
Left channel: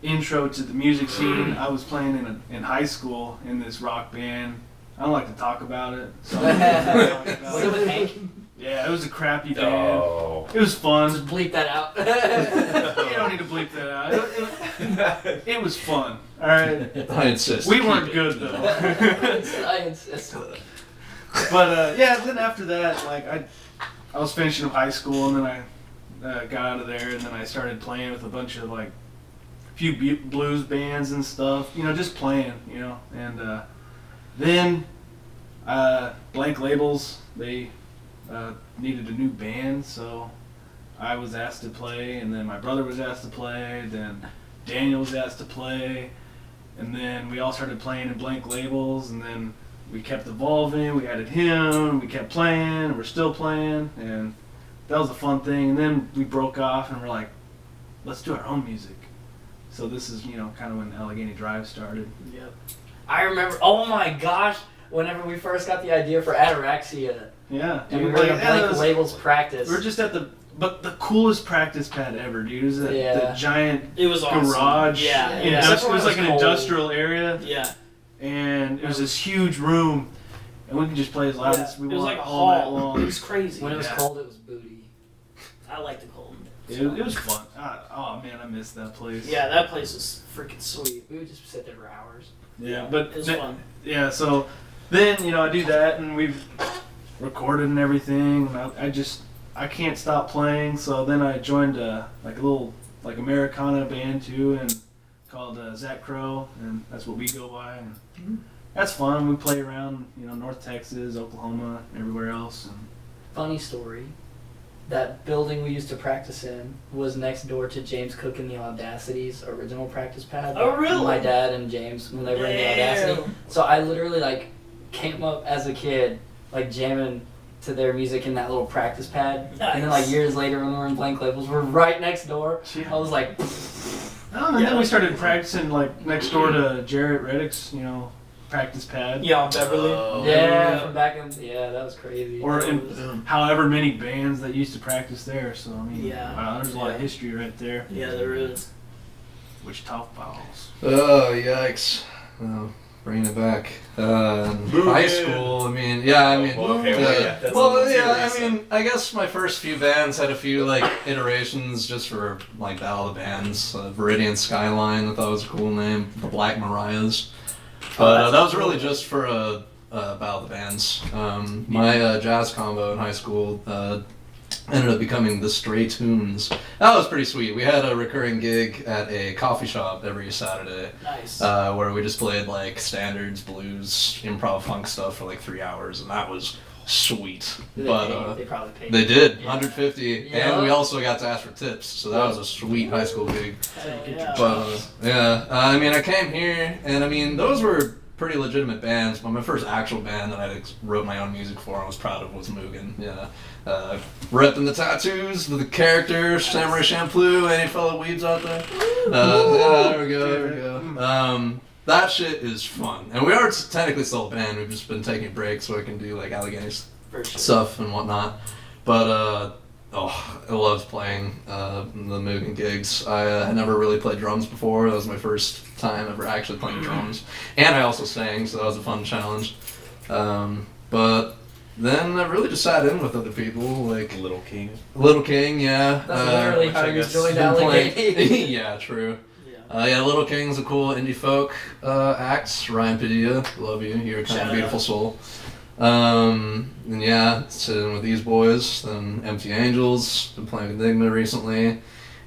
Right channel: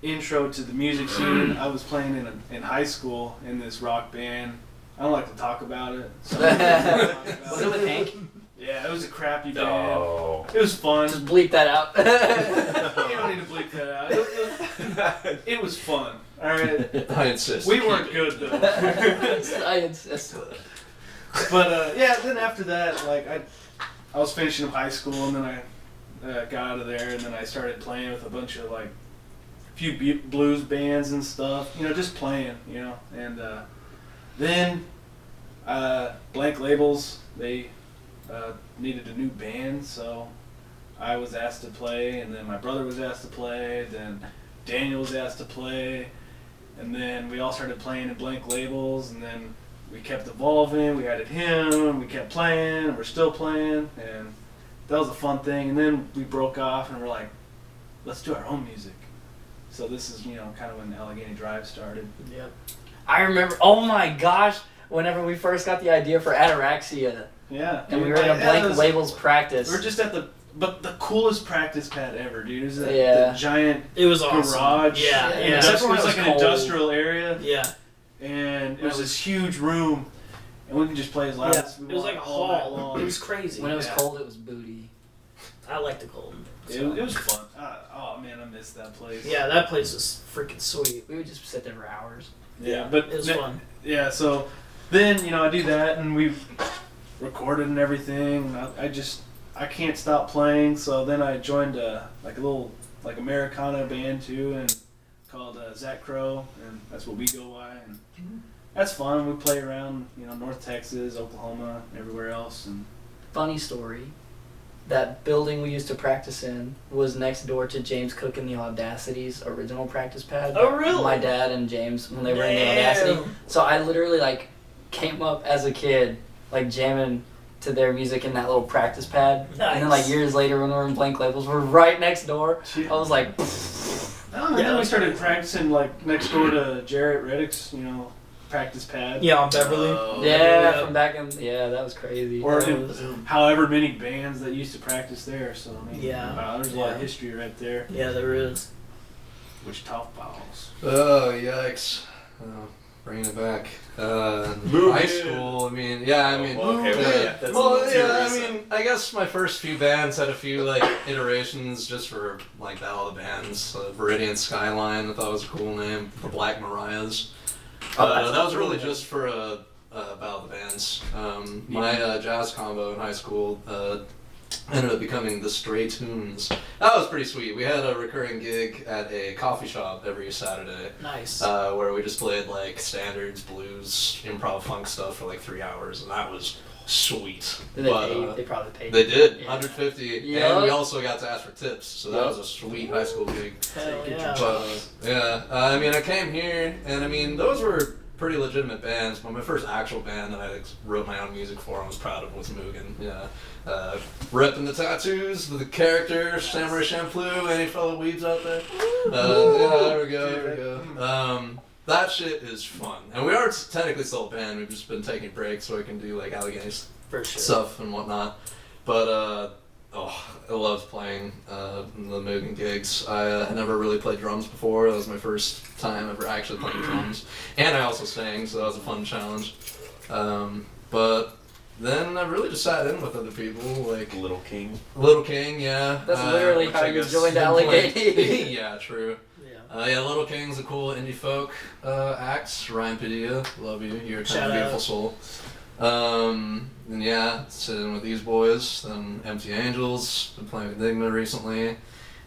intro to the music scene, I was playing in high school in this rock band. I don't like to talk about it. So I'm not gonna talk about Was it with Hank? Yeah, it was a crappy band. no. It was fun. Just bleep that out. You don't need to bleep that out. It was fun. All right. I insist. We weren't good though. I insist. But yeah, then after that, like I was finishing up high school, and then I got out of there, and then I started playing with a bunch of like few blues bands and stuff. Just playing. And then Blank Labels, they needed a new band, so I was asked to play, and then my brother was asked to play, then Daniel was asked to play, and then we all started playing in blank labels, and then we kept evolving. We added him, and we kept playing, and we're still playing, and that was a fun thing. And then we broke off, and we're like, let's do our own music. So this is, you know, kind of when the Allegheny Drive started. Yep. I remember, oh my gosh, whenever we first got the idea for Ataraxia, Yeah. and we dude, were in a like, blank labels practice. We're just at the coolest practice pad ever, dude. It was that Yeah. the giant It was awesome. garage. Yeah. Yeah. It Except was like an cold. industrial area, Yeah. and it was this huge room, and we can just play as loud Yeah. as we It was want like a all night hall. long. It was crazy. When it was Yeah. cold, it was booty. I like the cold. It was fun. Oh man, I missed that place. Yeah, that place was freaking sweet. We would just sit there for hours. Yeah, but It was th- fun. Yeah, so then, you know, I do that, and we've recorded and everything. I can't stop playing, so then I joined like a little like Americana band too, and called Zach Crow, and that's what we go by, and that's fun. We play around, you know, North Texas, Oklahoma, everywhere else, and Funny story. That building we used to practice in was next door to James Cook and the Audacity's original practice pad. Oh, really? My dad and James, when they were in the Damn. Audacity. So I literally, like, came up as a kid, like, jamming to their music in that little practice pad. And then, like, Nice. years later when we were in Blank Labels, we're right next door. I was like, and then we started practicing like next door to Jarrett Reddick's, you know, practice pad. Yeah, on Beverly. yeah, from back in, that was crazy. Or That in was- however many bands that used to practice there. So I mean, Yeah. there's a lot of history right there. Yeah, there is. Wichita Falls. Oh, yikes. Oh, bringing it back. Move High in. school, I mean, yeah, I mean, Okay, well, yeah, that's a well, little too yeah, I recent. mean, I guess my first few bands had a few, like, iterations just for, like, Battle of the Bands. Viridian Skyline, I thought was a cool name. The Black Mariahs. But that was really just for Battle of the Bands. My jazz combo in high school ended up becoming the Stray Tunes. That was pretty sweet. We had a recurring gig at a coffee shop every Saturday. Nice. Where we just played like standards, blues, improv funk stuff for like 3 hours, and that was sweet. Did they probably paid. They did Yeah. 150, Yeah. and we also got to ask for tips, so that was a sweet high school gig. Hell yeah. But yeah, I mean, I came here, and I mean, those were pretty legitimate bands. But my first actual band that I wrote my own music for and was proud of was Mugen. Yeah. Repping the tattoos with the character, Samurai Champloo, any fellow weebs out there? Yeah, there we go. That shit is fun. And we are technically still a band, we've just been taking breaks so I can do like Allegheny For sure. stuff and whatnot. But, I loved playing the Mugen gigs. I had never really played drums before. That was my first time ever actually playing drums. And I also sang, so that was a fun challenge. But then I really just sat in with other people, like Little King. Little King, yeah. That's literally which how I you guess joined been playing- Allegheny. Yeah, true. Yeah. Yeah, Little King's a cool indie folk act. Ryan Padilla, love you. You're a kind Shout of beautiful out. soul. And yeah, sitting with these boys. Then Empty Angels, been playing with Enigma recently.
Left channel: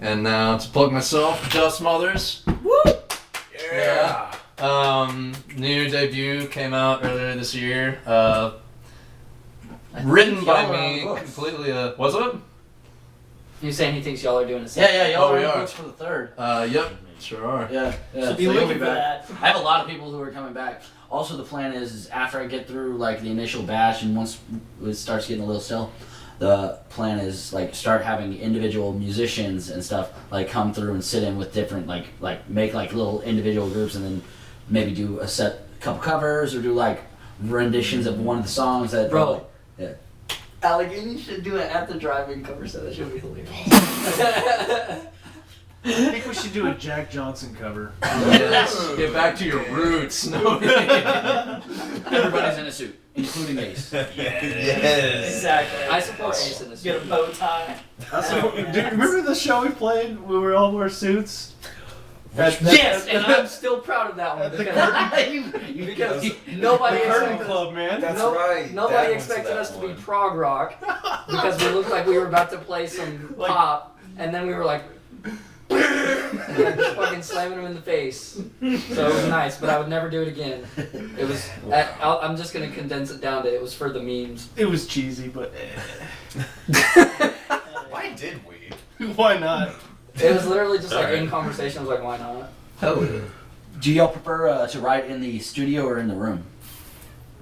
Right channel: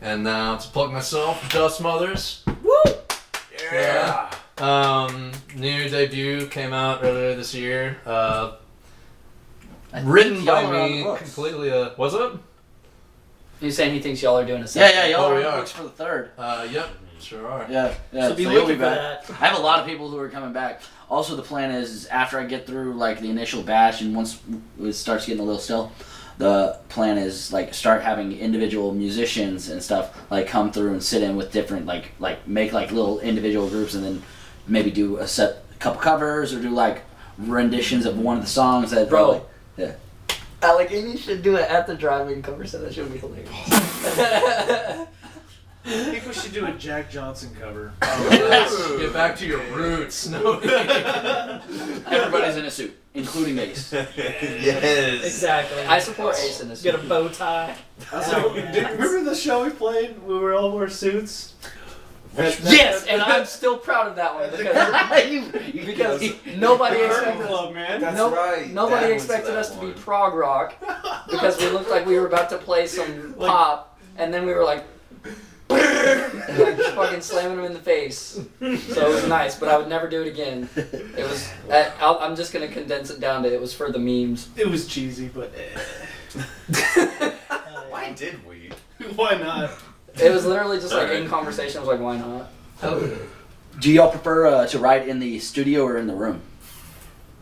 And now to plug myself, Dust Mothers. Yeah. New debut came out earlier this year. Written by y'all are on me books. completely. What's up? He's saying he thinks y'all are doing a Yeah, yeah, y'all Oh, are we in the are. books for the 3rd. Yep, sure are. Yeah, yeah. So be you'll looking for back. that. I have a lot of people who are coming back. Also, the plan is after I get through like the initial batch, and once it starts getting a little still, the plan is like start having individual musicians and stuff like come through and sit in with different like make like little individual groups, and then maybe do a couple covers or do like renditions of one of the songs that Bro. Yeah. Allegheny should do it at the drive-in cover, so that should be hilarious. I think we should do a Jack Johnson cover. Yes, get back to your roots. No. Everybody's in a suit, including Ace. Yes. Exactly. I support Ace in this. Get a bow tie. Remember the show we played where we all wore suits? Yes, and I'm still proud of that one because nobody Curtain expected Club, man. That's no- right. nobody That one's expected that us to be one. prog rock because we looked like we were about to play some Like- pop, and then we were like fucking slamming them in the face. So it was nice, but I would never do it again. It was. I'm just gonna condense it down to it was for the memes. It was cheesy, but Why did we? Why not? It was literally just like Alright. in conversation. I was like, why not? Hell yeah. Do y'all prefer to write in the studio or in the room?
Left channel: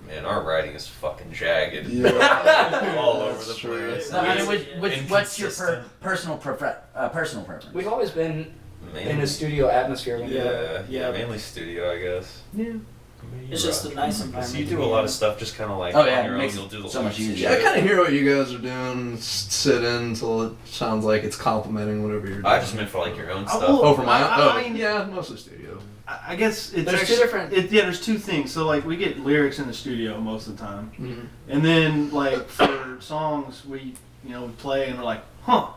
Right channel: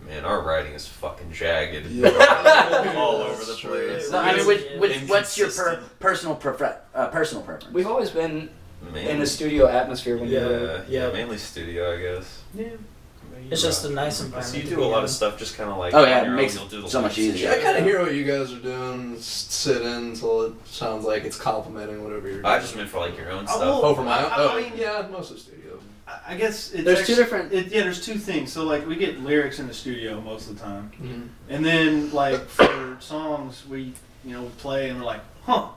Man, our writing is fucking jagged. Yeah. All over the That's true. place. I mean, what's your Inconsistent. personal preference? We've always been in Mainly- a studio atmosphere. When we Yeah, Yeah. mainly studio, I guess. Yeah. I mean, It's you just a rock. nice So environment. you to do be a lot in. of stuff just kind of like Oh, yeah, on your it own. makes You'll do the so much loops and easier. I shit. kind of hear what you guys are doing. Sit in until it sounds like it's complimenting whatever you're doing. I just meant for like your own stuff. will- Oh, for my own? I Oh, mean- yeah, mostly studio. I guess it's There's two actually- different- there's two things. So like we get lyrics in the studio most of the time, Mm-hmm. and then like for songs we play and we're like, huh,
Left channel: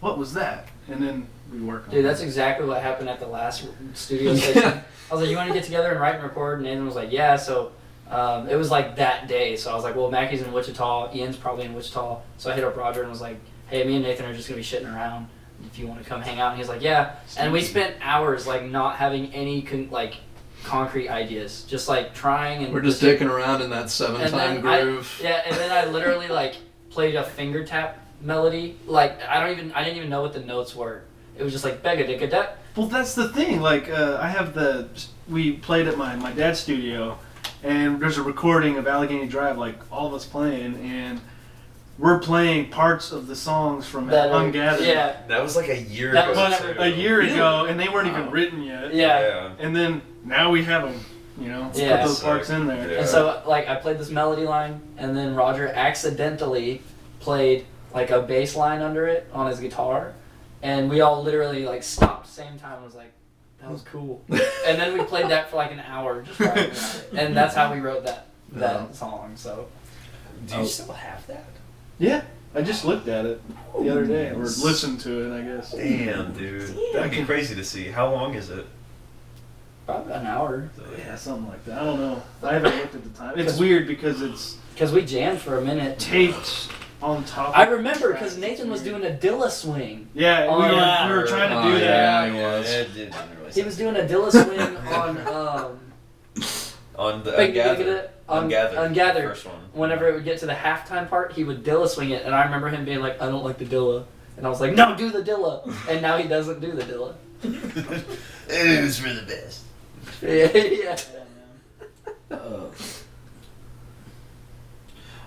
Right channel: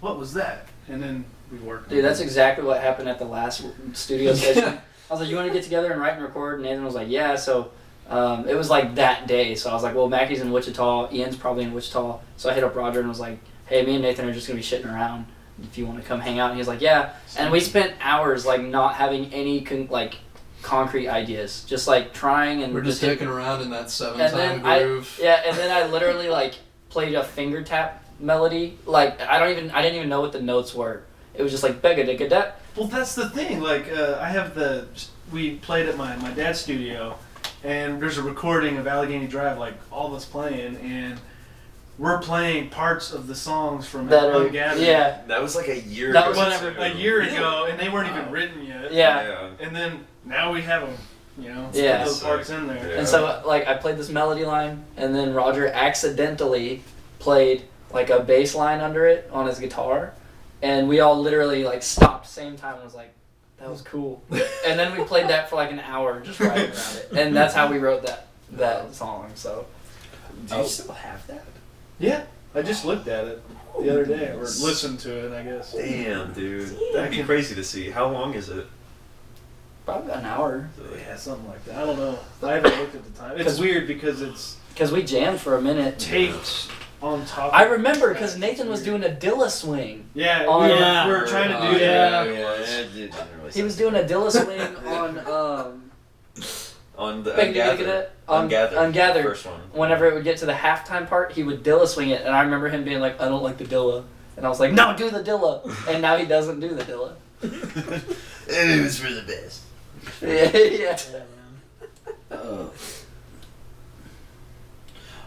what was that? And then we work. on Dude, it. that's exactly what happened at the last studio session. I was like, you want to get together and write and record? And Nathan was like, yeah. So it was like that day. So I was like, well, Mackie's in Wichita. Ian's probably in Wichita. So I hit up Roger and was like, hey, me and Nathan are just going to be shitting around. If you want to come hang out. And he's like, yeah. And we spent hours like not having any concrete ideas. Just like trying and... We're just dicking around in that and 7-time then groove. and then I literally like played a finger tap melody. Like I didn't even know what the notes were. It was just like bega digga da. Well, that's the thing. Like, we played at my dad's studio, and there's a recording of Allegheny Drive, like all of us playing, and we're playing parts of the songs from That are- Ungathered. yeah. That was like a year That ago. was too. A year ago, and they weren't even written yet. Yeah. And then now we have them. Yeah. Put those parts in there. Yeah. And so like I played this melody line, and then Roger accidentally played like a bass line under it on his guitar, and we all literally like stopped same time and was like, that was cool. And then we played that for like an hour just writing about it, and that's how we wrote that song. So Do you still have that? Yeah. I just looked at it the other day, or listened to it, I guess. Damn, dude. That'd be crazy to see. How long is it? probably an hour. Yeah, something like that. I don't know. I haven't looked at the time. It's weird because it's Because we jammed for a minute. taped on top. I of the remember track. because Nathan was doing a Dilla swing. Yeah, Oh, we yeah. were trying to Oh, do yeah. that. it was. It didn't really He was sound- doing a Dilla swing on the Ungathered. Ungathered. First one. Whenever it would get to the halftime part, he would Dilla swing it, and I remember him being like, I don't like the Dilla. And I was like, no, do the Dilla. And now he doesn't do the Dilla. It was for the best. Yeah.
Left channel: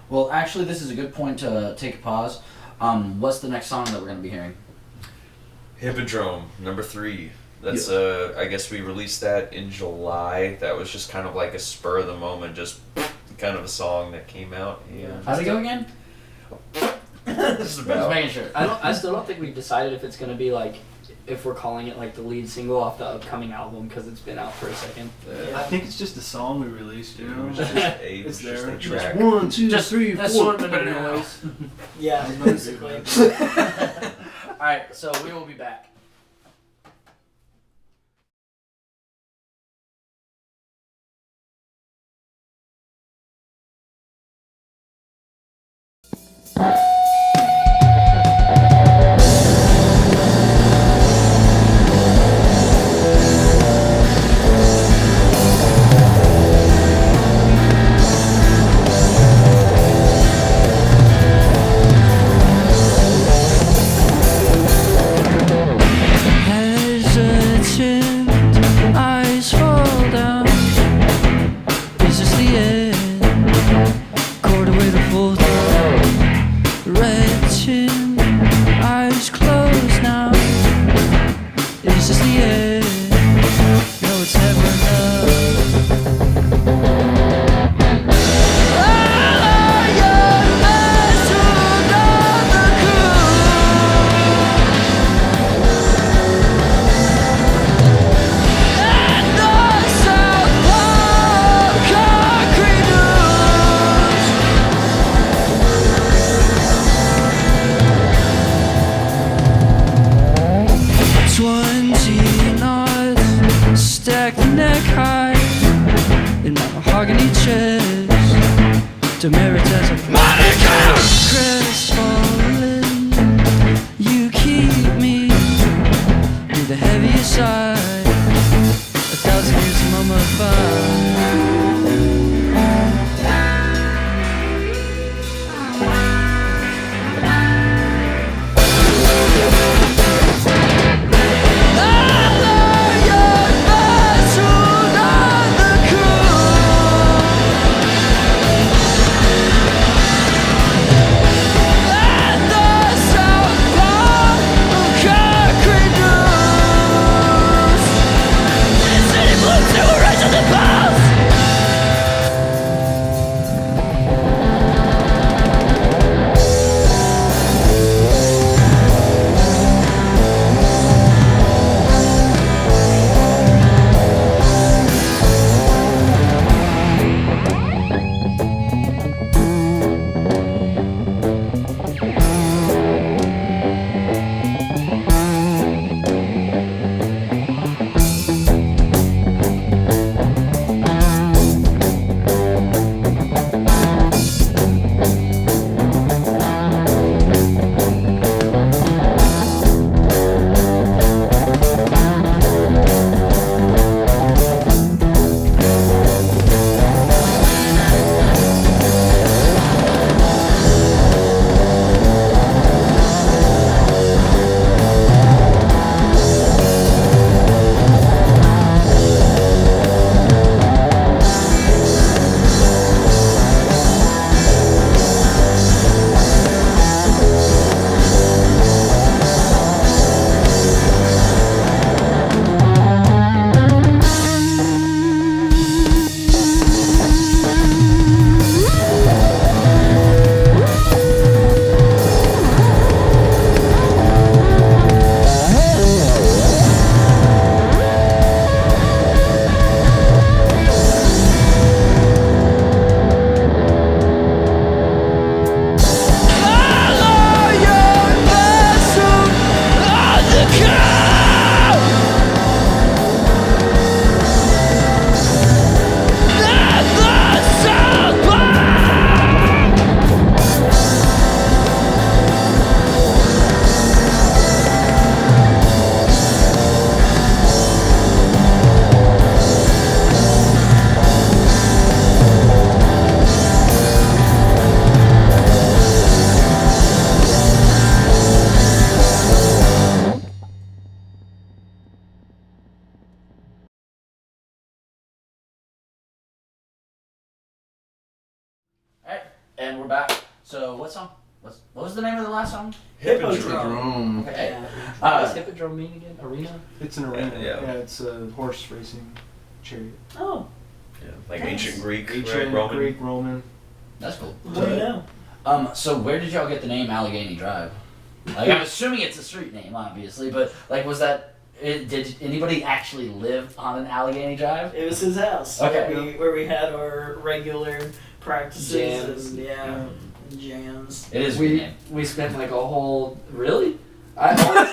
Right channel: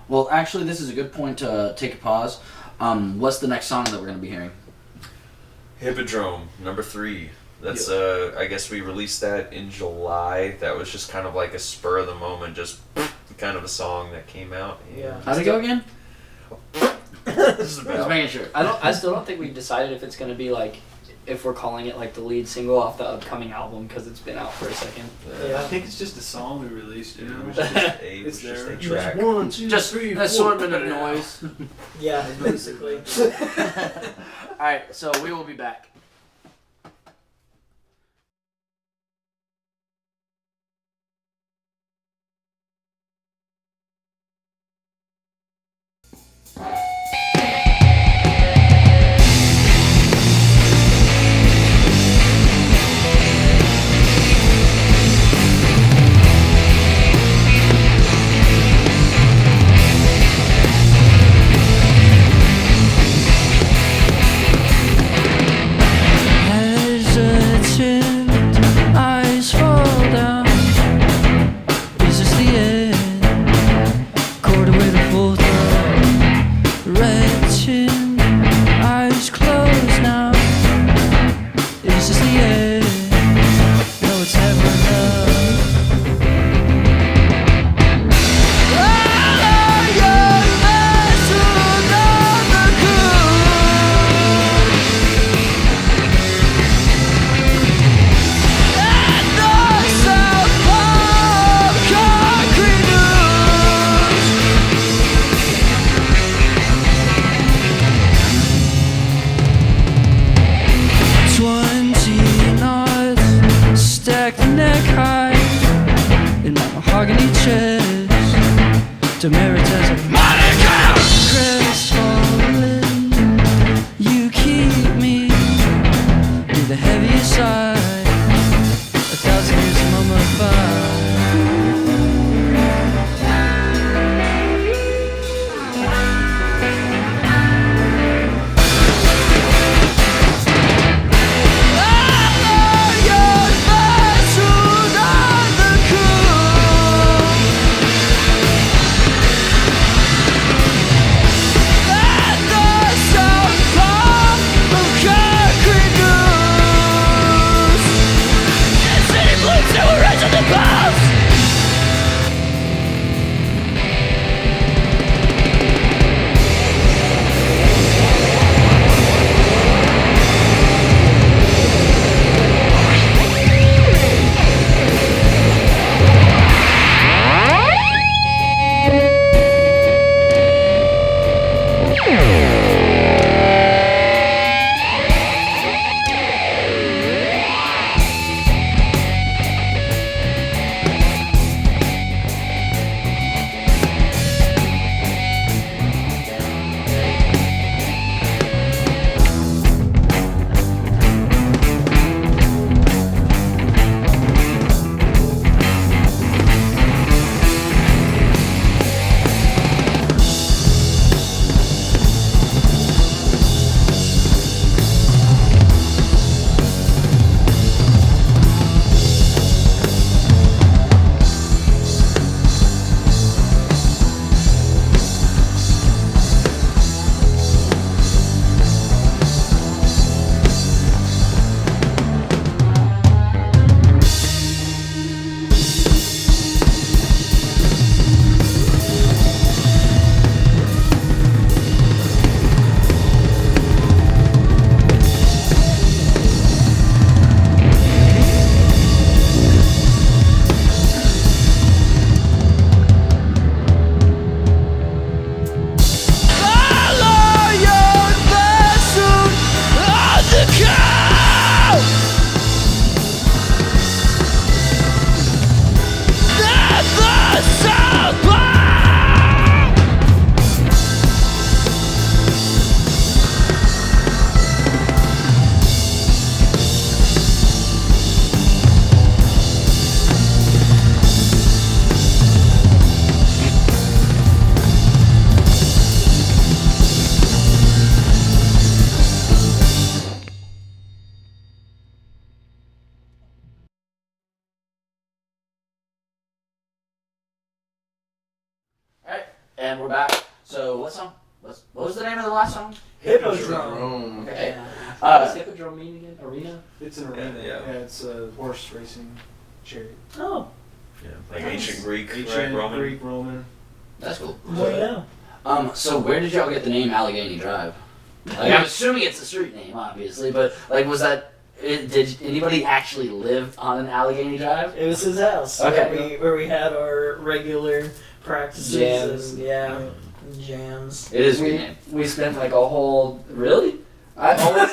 Well, actually, this is a good point to take a pause. What's the next song that we're going to be hearing? Hippodrome, number 3. That's I guess we released that in July. That was just kind of like a spur of the moment, just kind of a song that came out. Yeah. How'd it go again? This is I was about. making sure. I still don't think we've decided if it's going to be like, if we're calling it like the lead single off the upcoming album because it's been out for a second. I think it's just a song we released. It You know, was just a, it's just there. a track. 1, 2, Just 3, 4. assortment of noise. Yeah, basically. Alright, so we will be back. Hesitant, eyes fall down. Is this the end? Quarter way to full throat. Red chin, eyes closed now. Is this the end? No, it's never enough. Neck high in my mahogany chest, demerit as a Monica. Crestfallen, you keep me near the heaviest side. 1,000 years mummified. And we're back. So what song? What was the name of the last song? Hippodrome. Okay. What does Hippodrome mean again? Arena? It's an arena. Yeah. Yeah, it's a horse racing chariot. Oh. Yeah, like ancient Greek, Ancient right? Roman. Greek, Roman. That's cool. What do you know? So where did y'all get the name Allegheny Drive? Like, I'm assuming it's a street name, obviously, but like, was that? Did anybody actually live on an Allegheny Drive? It was his house. Okay. Where we had our regular practices Jams. and jams. It is a good name. We spent like a whole I always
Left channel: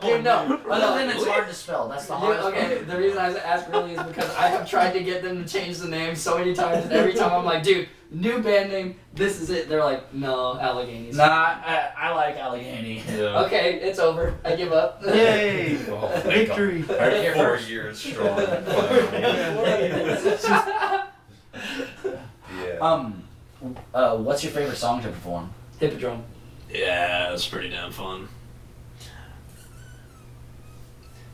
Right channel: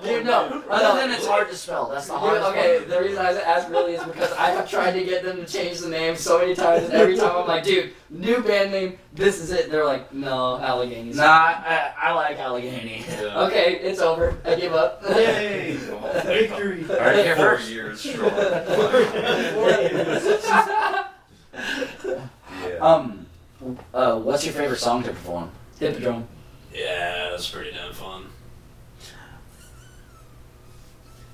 dude no. Other than it's hard to spell, that's the hardest. Okay, the reason I asked really is because I have tried to get them to change the name so many times, and every time I'm like, dude, new band name, this is it. They're like, no, Allegheny. Nah, I like Allegheny. Yeah. Okay, it's over. I give up. Yay! Victory! Heard it here 4 first. years strong. Yeah. What's your favorite song to perform? Hippodrome. Yeah, that's pretty damn fun.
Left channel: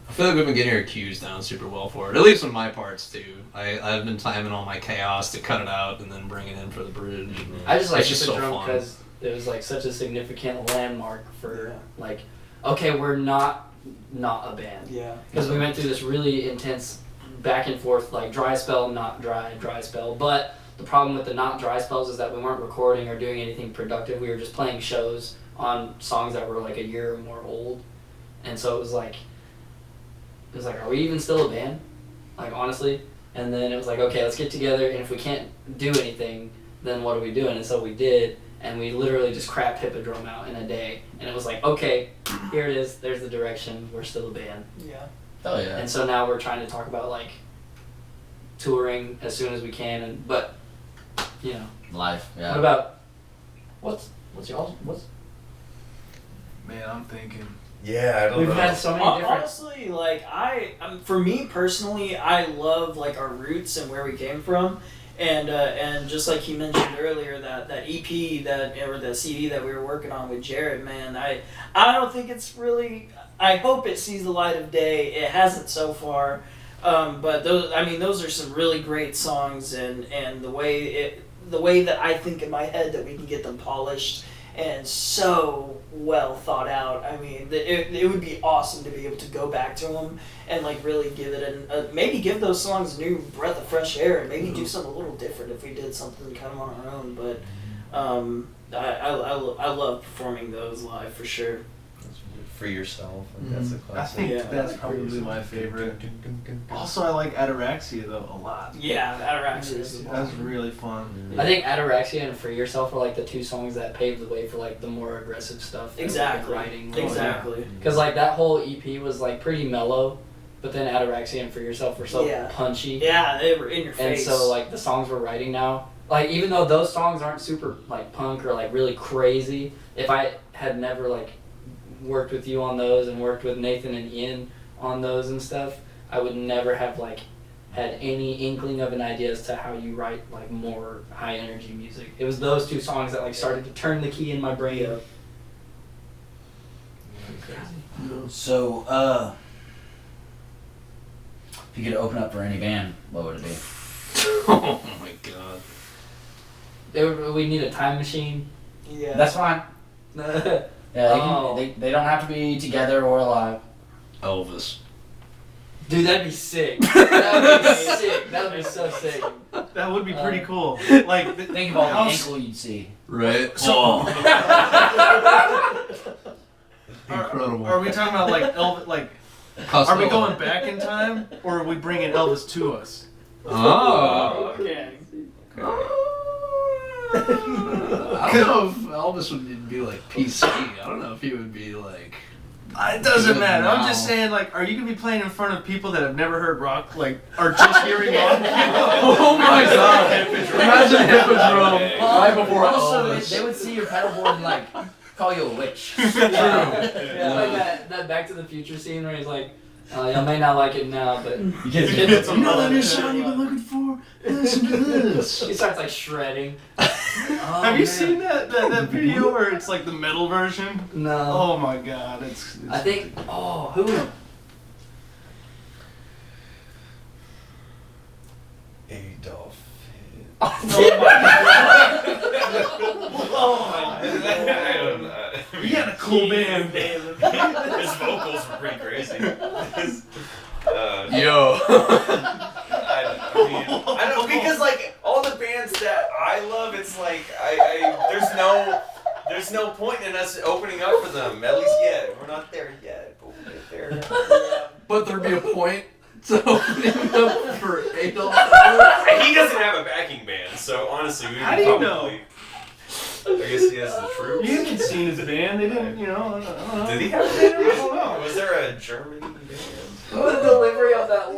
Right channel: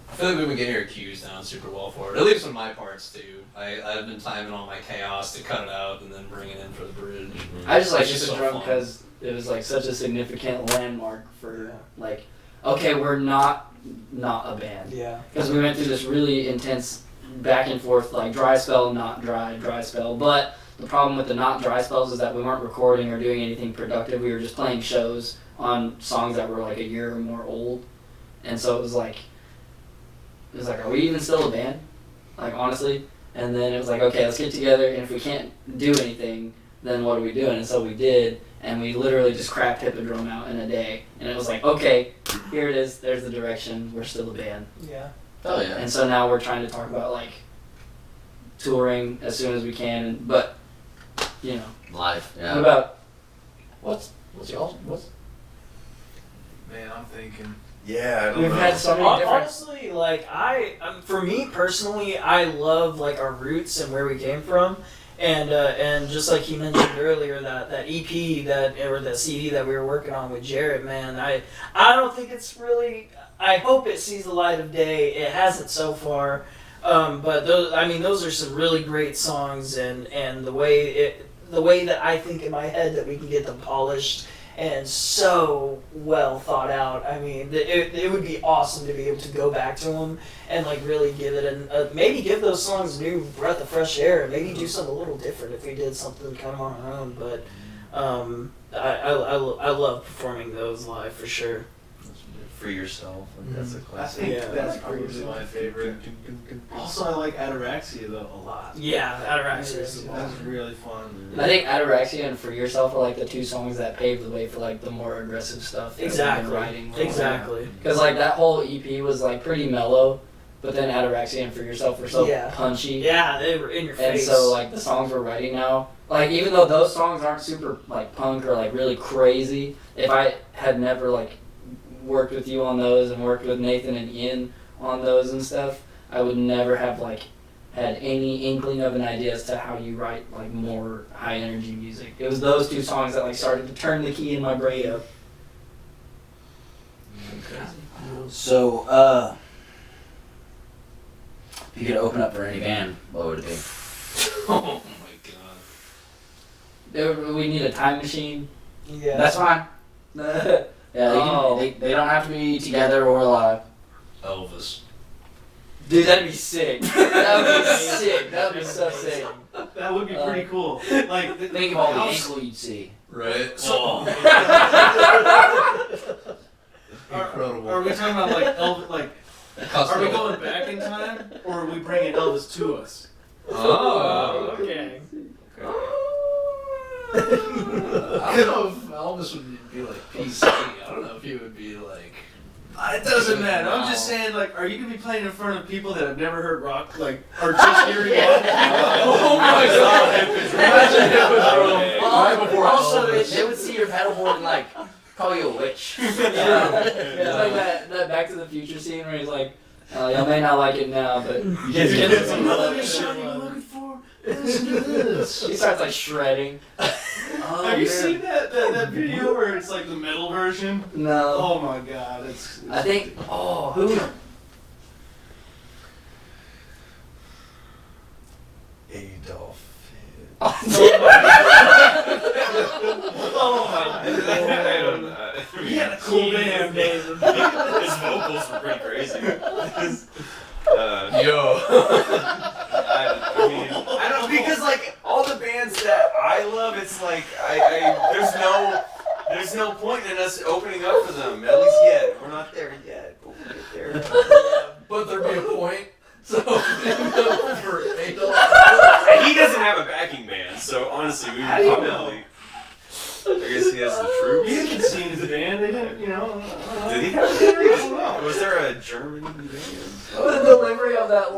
I feel like we've been getting our cues down super well for it. At least on my parts too. I've been timing all my chaos to cut it out and then bring it in for the bridge. I just like It's just so Hippodrome fun. because it was like such a significant landmark for like, okay, we're not a band. Yeah. Because we went through this really intense back and forth, like dry spell, not dry, dry spell. But the problem with the not dry spells is that we weren't recording or doing anything productive. We were just playing shows on songs that were like a year or more old. And so it was like, are we even still a band? Like, honestly? And then it was like, okay, let's get together, and if we can't do anything, then what are we doing? And so we did, and we literally just crapped Hippodrome out in a day. And it was like, okay, here it is, there's the direction, we're still a band. Yeah. Oh yeah. And so now we're trying to talk about, like, touring as soon as we can, but, you know. Life. What Yeah. about, what's y'all, Man, I'm thinking. Yeah, I don't we've know. had so many different, Honestly, like for me personally, I love like our roots and where we came from, and just like you mentioned earlier, that EP or that CD that we were working on with Jared, man, I don't think it's really. I hope it sees the light of day. It hasn't so far, but those are some really great songs, and the way that I think in my head that we can get them polished and so well thought out. I mean, it would be awesome to be able to go back to them and like really give it maybe give those songs a new breath of fresh air and maybe do something a little different if we did something kind of on our own. But I love performing those live for sure. Free Yourself. That's a I classic. think Yeah. that's probably my favorite. Also, I like Ataraxia though a lot. Yeah, Ataraxia is That's really fun. I think Ataraxia and For Yourself are like the two songs that paved the way for like the more aggressive stuff that we've been writing. Exactly. Because like that whole EP was like pretty mellow, but then Ataraxia and For Yourself were so Yeah. punchy. Yeah, they were in your And face. so like the songs we're writing now, like even though those songs aren't super like punk or like really crazy, if I had never like worked with you on those and worked with Nathan and Ian on those and stuff, I would never have like had any inkling of an idea as to how you write like more high energy music. It was those two songs that like started to turn the key in my brain up. So, if you could open up for any band, what would it be? Oh my god. We need a time machine. Yeah. That's fine. Yeah, Oh. they don't have to be together or alive. Elvis. Dude, that'd be sick. That'd be sick. That'd be so sick. That would be pretty cool. Like, Think of all the how- ankle you'd see. Right? So- Incredible. Are we talking about like Elvis? Like, are we going back in time, or are we bringing Elvis to us? Oh. Okay. I don't know if Elvis would be like PC. I don't know if he would be like. It doesn't matter. I'm just saying, like, are you gonna be playing in front of people that have never heard rock, like, are just hearing rock? Oh my god! Imagine Hippodrome right before Also, Elvis. they would see your pedalboard and like call you a witch. Yeah, like that Back to the Future scene where he's like, y'all may not like it now, but you just get it. You know that new shot you've been looking for? Listen to this. He starts like shredding. Have you seen that video where it's like the metal version? No. Oh my god, it's I think. Oh, who? Adolf. Oh my god. Cool band. His vocals were pretty crazy. Yo. I don't because like all the bands that I love, it's like there's no point in us opening up for them. At least yet, we're not there yet. But we'll get there. But there'd be a point to opening up for Adolf. And he doesn't have a backing band, so honestly, we How could do you probably. I guess he has the troops. You haven't seen his band, they didn't, I don't know. Did he have a band? I don't know. Was there a German band? The delivery of that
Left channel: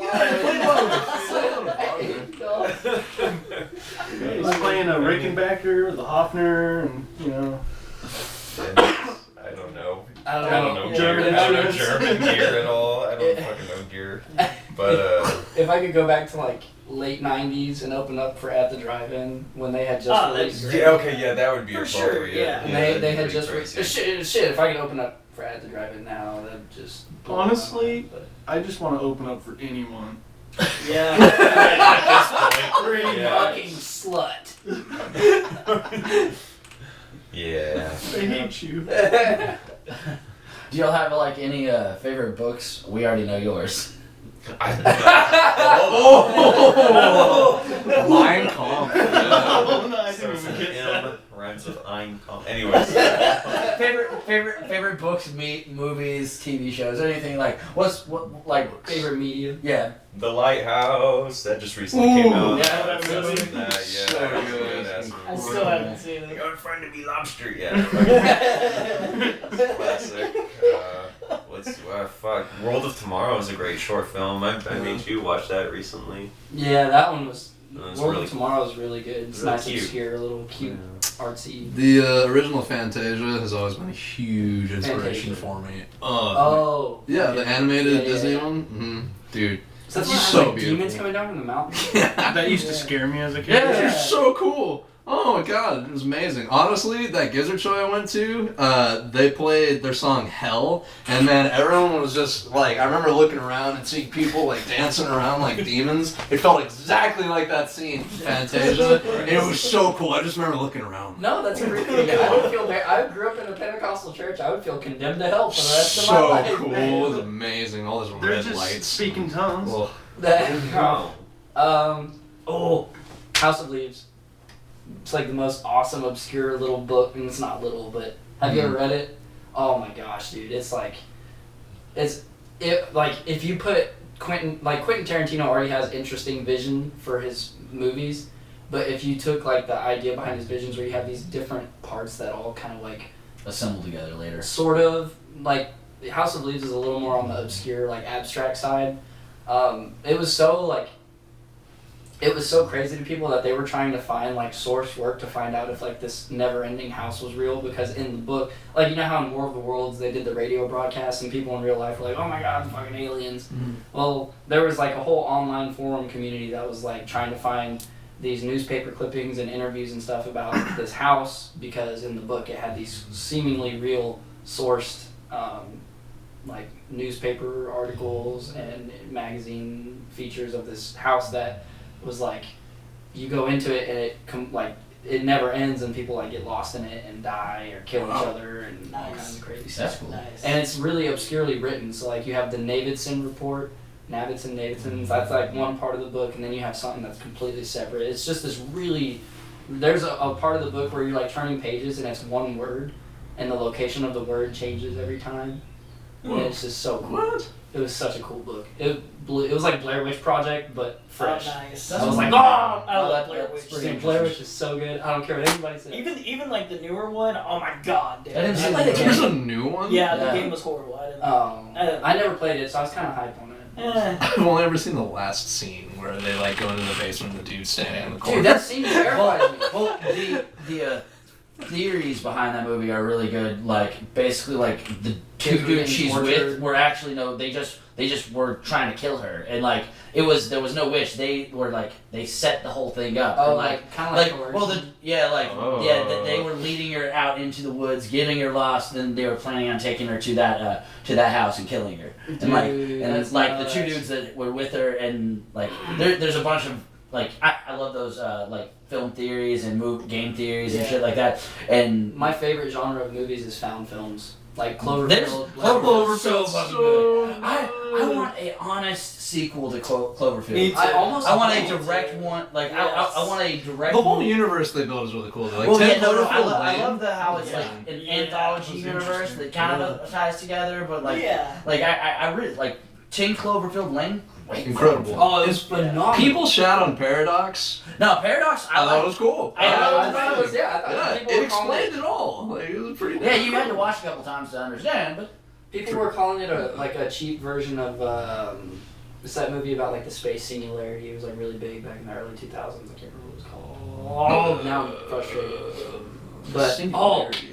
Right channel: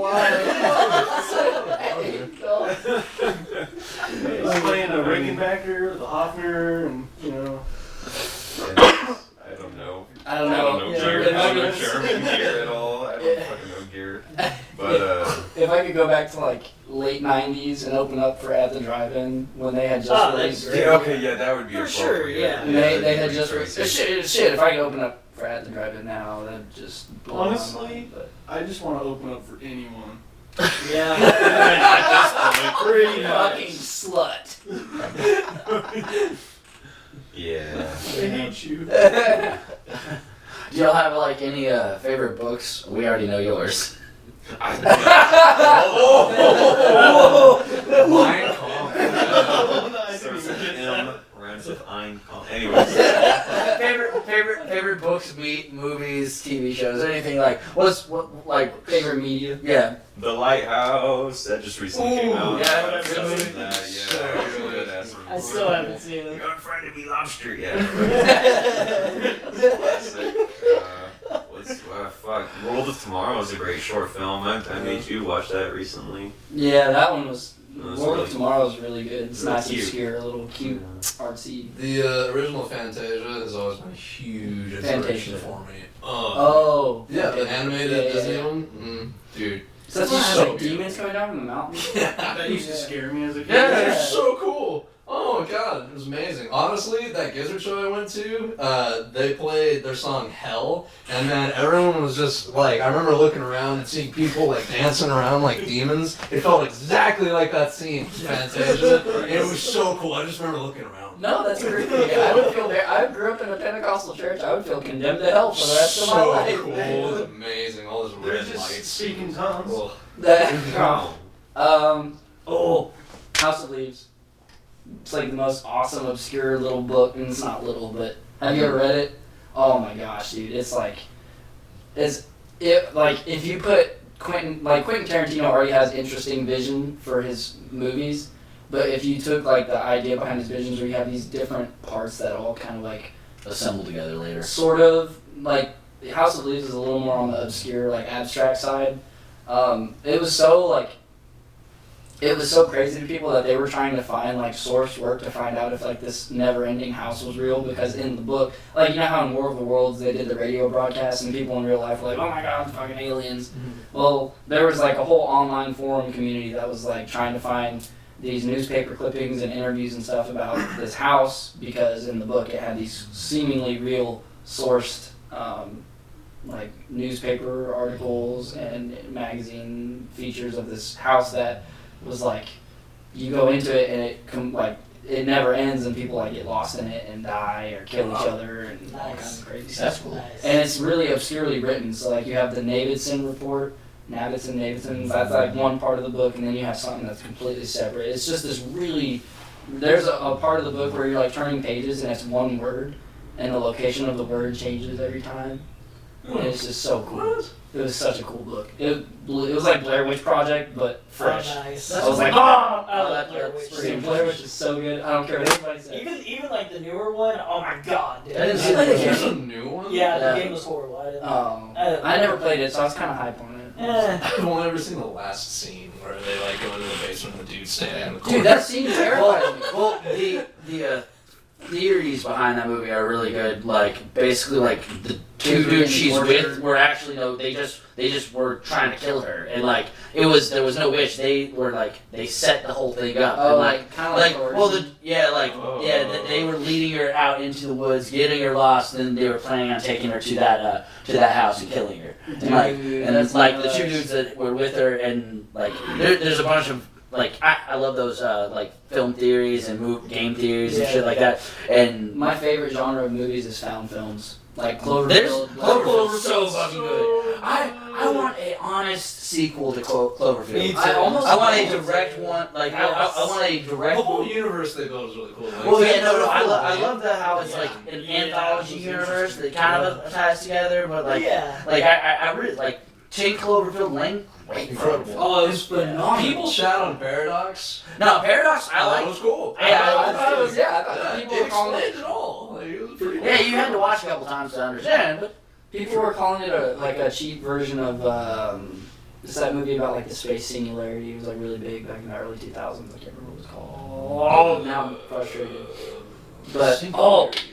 He was playing a Rickenbacker, the Hoffner, and, I don't know. I don't I don't know know. gear. Yeah, I don't know German gear at all. I don't fucking know gear. But If I could go back to like late '90s and open up for At the Drive-In when they had just Oh, released, that's great. yeah, okay, yeah, that would be For a sure, bummer, yeah. and they had that'd just be crazy. shit. If I could open up for At the Drive-In now, that'd just blow my Honestly, mind, but- I just want to open up for anyone. Yeah. Pretty Yeah. fucking slut. Yeah. They hate you. Do y'all have like any favorite books? We already know yours. Mein Kampf. Starts with M, rhymes with Ein Kampf. Anyways. favorite books, movies, TV shows, anything like like Favorite media. yeah. The Lighthouse, that just recently came out. yeah, I'm obsessed really? with that, yeah. So that was good. good. That's I still haven't seen it. You're trying to be lobster, yeah. Classic. Fuck. World of Tomorrow is a great short film. I made you watch that recently. Yeah, that one was. That's World really- of Tomorrow is really good. It's really nice and cute. obscure, a little cute, artsy. The original Fantasia has always been a huge inspiration Fantasia. for me. Oh. Yeah, the animated Yeah. Disney one. Mm-hmm. Dude. So that's It's just so like demons beautiful. coming down from the mountain. That used to Yeah. scare me as a kid. Yeah, Yeah. it's so cool. Oh my god, it was amazing. Honestly, that Gizzard show I went to, they played their song Hell, and then everyone was just like, I remember looking around and seeing people like dancing around like demons. It felt exactly like that scene, Fantasia, and it was so cool. I just remember looking around. No, that's creepy. I would feel I grew up in a Pentecostal church. I would feel condemned to hell for the rest of my So life. cool, it was amazing. All those They're red just lights. speaking tongues. Well, House of Leaves. It's like the most awesome, obscure little book, and it's not little, but have you ever read it? Oh my gosh, dude! It's like if you put Quentin Tarantino already has interesting vision for his movies, but if you took like the idea behind his visions where you have these different parts that all kind of like Assembled together later. sort of like House of Leaves is a little more on the obscure, like abstract side. It was so crazy to people that they were trying to find like source work to find out if like this never-ending house was real, because in the book, like you know how in War of the Worlds they did the radio broadcast and people in real life were like, oh my god, fucking aliens. Well, there was like a whole online forum community that was like trying to find these newspaper clippings and interviews and stuff about this house, because in the book it had these seemingly real sourced like newspaper articles and magazine features of this house that was like, you go into it and it never ends, and people like get lost in it and die or kill each other and all kinds of crazy stuff. That's cool. And it's really obscurely written. So like you have the Navidson report, Navidson, that's like one part of the book, and then you have something that's completely separate. It's just this really, there's a part of the book where you're like turning pages and it's one word, and the location of the word changes every time. And it's just so cool. It was such a cool book. It was like Blair Witch Project, but fresh. Oh, nice. I was like, I love Blair Witch. Dude, Blair Witch is so good. I don't care what anybody says. Even like the newer one. Oh my god, dude. I didn't see the there's a new one? Yeah, the Yeah. game was horrible. I didn't. I never played it, so I was kind of hyped on it. Eh. I've only ever seen the last scene where they like go into the basement and the dude's standing in the corner. Dude, that scene terrifies me. Well, the theories behind that movie are really good. Like basically, like the two dudes she's with were actually they just were trying to kill her, and like there was no wish. They were like they set the whole thing up. Oh, and, like kind of like coercion. that they were leading her out into the woods, getting her lost, and then they were planning on taking her to that house and killing her. And it's like the two dudes that were with her, and like there's a bunch of like I love those like film theories and game theories and shit like that. And My favorite genre of movies is found films. Like There's Cloverfield. Cloverfield's so fucking good. I want a honest sequel to Cloverfield. Me too. I want a direct one. Like I want a direct. The whole universe they built is really cool. Like, Well, yeah, Ted no, I Lasso, love how it's like an anthology universe that kind of ties together, but like, Yeah. like I really like 10 Cloverfield Lane. Incredible. Oh, it was phenomenal. People shout on Paradox. No, Paradox. I thought it was cool. I thought it was. I thought people It were calling explained it all. Like, it was pretty. Yeah, you had to watch a couple times to understand, but People were calling it a cheap version of it's that movie about like the space singularity. It was like really big back in the early 2000s. I can't remember what it was called. Oh, now I'm frustrated. But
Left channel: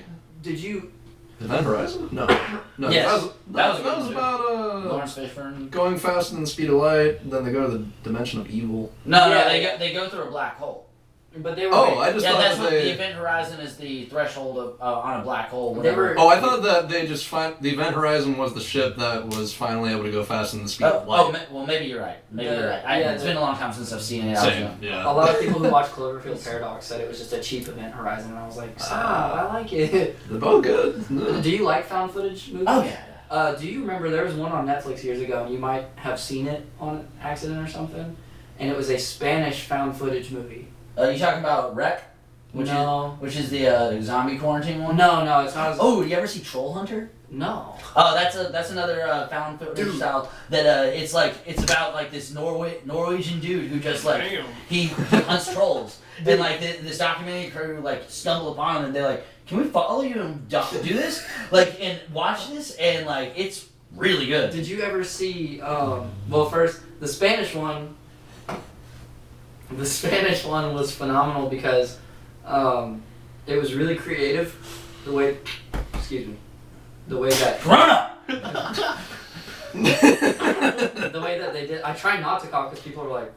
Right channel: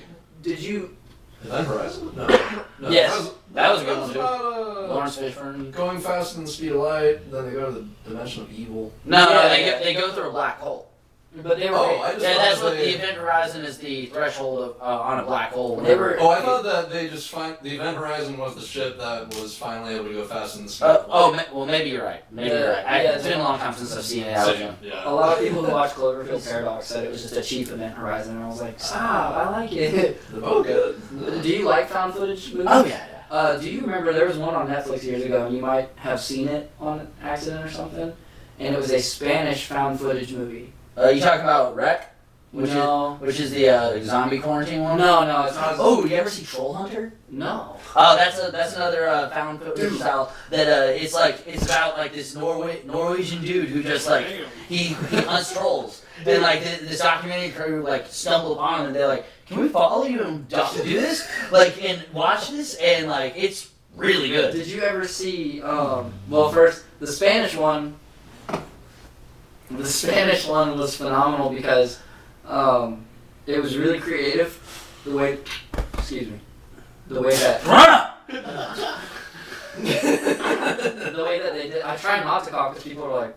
did you? Event Horizon? No. Yes. That was good. about Lawrence Fishburne. going faster than the speed of light. Then they go to the dimension of evil. No, Yeah. they go through a black hole. But they were. Oh, I just Yeah, thought that's that what they. the event horizon is. The threshold of on a black hole. They were- Oh, I thought that they just the Event Horizon was the ship that was finally able to go faster than the speed of light. Well, maybe you're right. Maybe Yeah, you're right. yeah, It's been a long time since I've seen it. So, I yeah. A lot of people who watched Cloverfield Paradox said it was just a cheap event horizon. And I was like, stop, I like it. They're both good. Do you like found footage movies? Oh yeah. Do you remember there was one on Netflix years ago, and you might have seen it on accident or something, and it was a Spanish found footage movie. You talking about Wreck? No. Which is the zombie quarantine one? No, it's not. Oh, you ever see Troll Hunter? No. Oh, that's another found footage style that it's about like this Norwegian dude who just like he hunts trolls. And like this documentary crew like stumbled upon him and they're like, can we follow you and do this? Like and watch this and like it's really good. Did you ever see? Well, first the Spanish one. The Spanish one was phenomenal because it was really creative. The way that Corona! the way that they did. I try not to cough because people are like.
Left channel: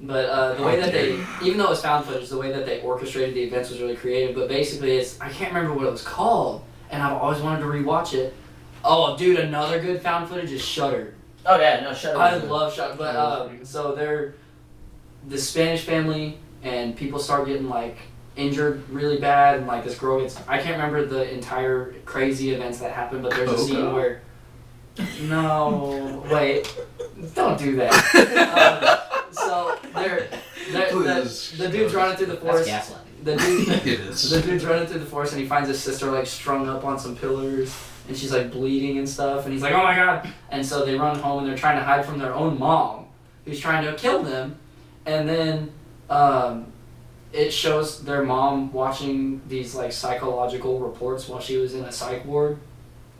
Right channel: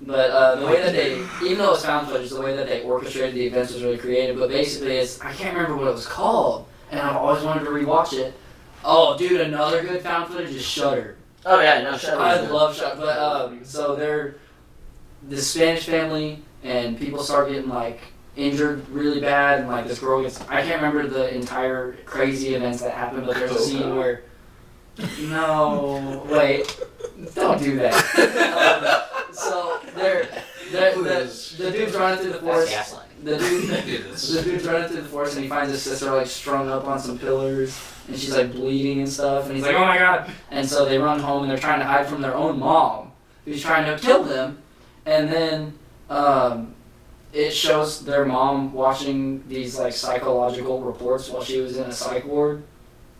But the way that they, even though it's found footage, the way that they orchestrated the events was really creative. But basically, I can't remember what it was called, and I've always wanted to rewatch it. Oh, dude, another good found footage is Shudder. Oh yeah, no, shut up. I love Shudder, but so they're this Spanish family, and people start getting like injured really bad, and like this girl gets. I can't remember the entire crazy events that happened, but there's a scene where. No, wait, don't do that. So the dude's running through the forest. That's gaslighting. The dude's running through the forest and he finds his sister like strung up on some pillars and she's like bleeding and stuff and he's like, oh my god! And so they run home and they're trying to hide from their own mom who's trying to kill them, and then it shows their mom watching these like psychological reports while she was in a psych ward.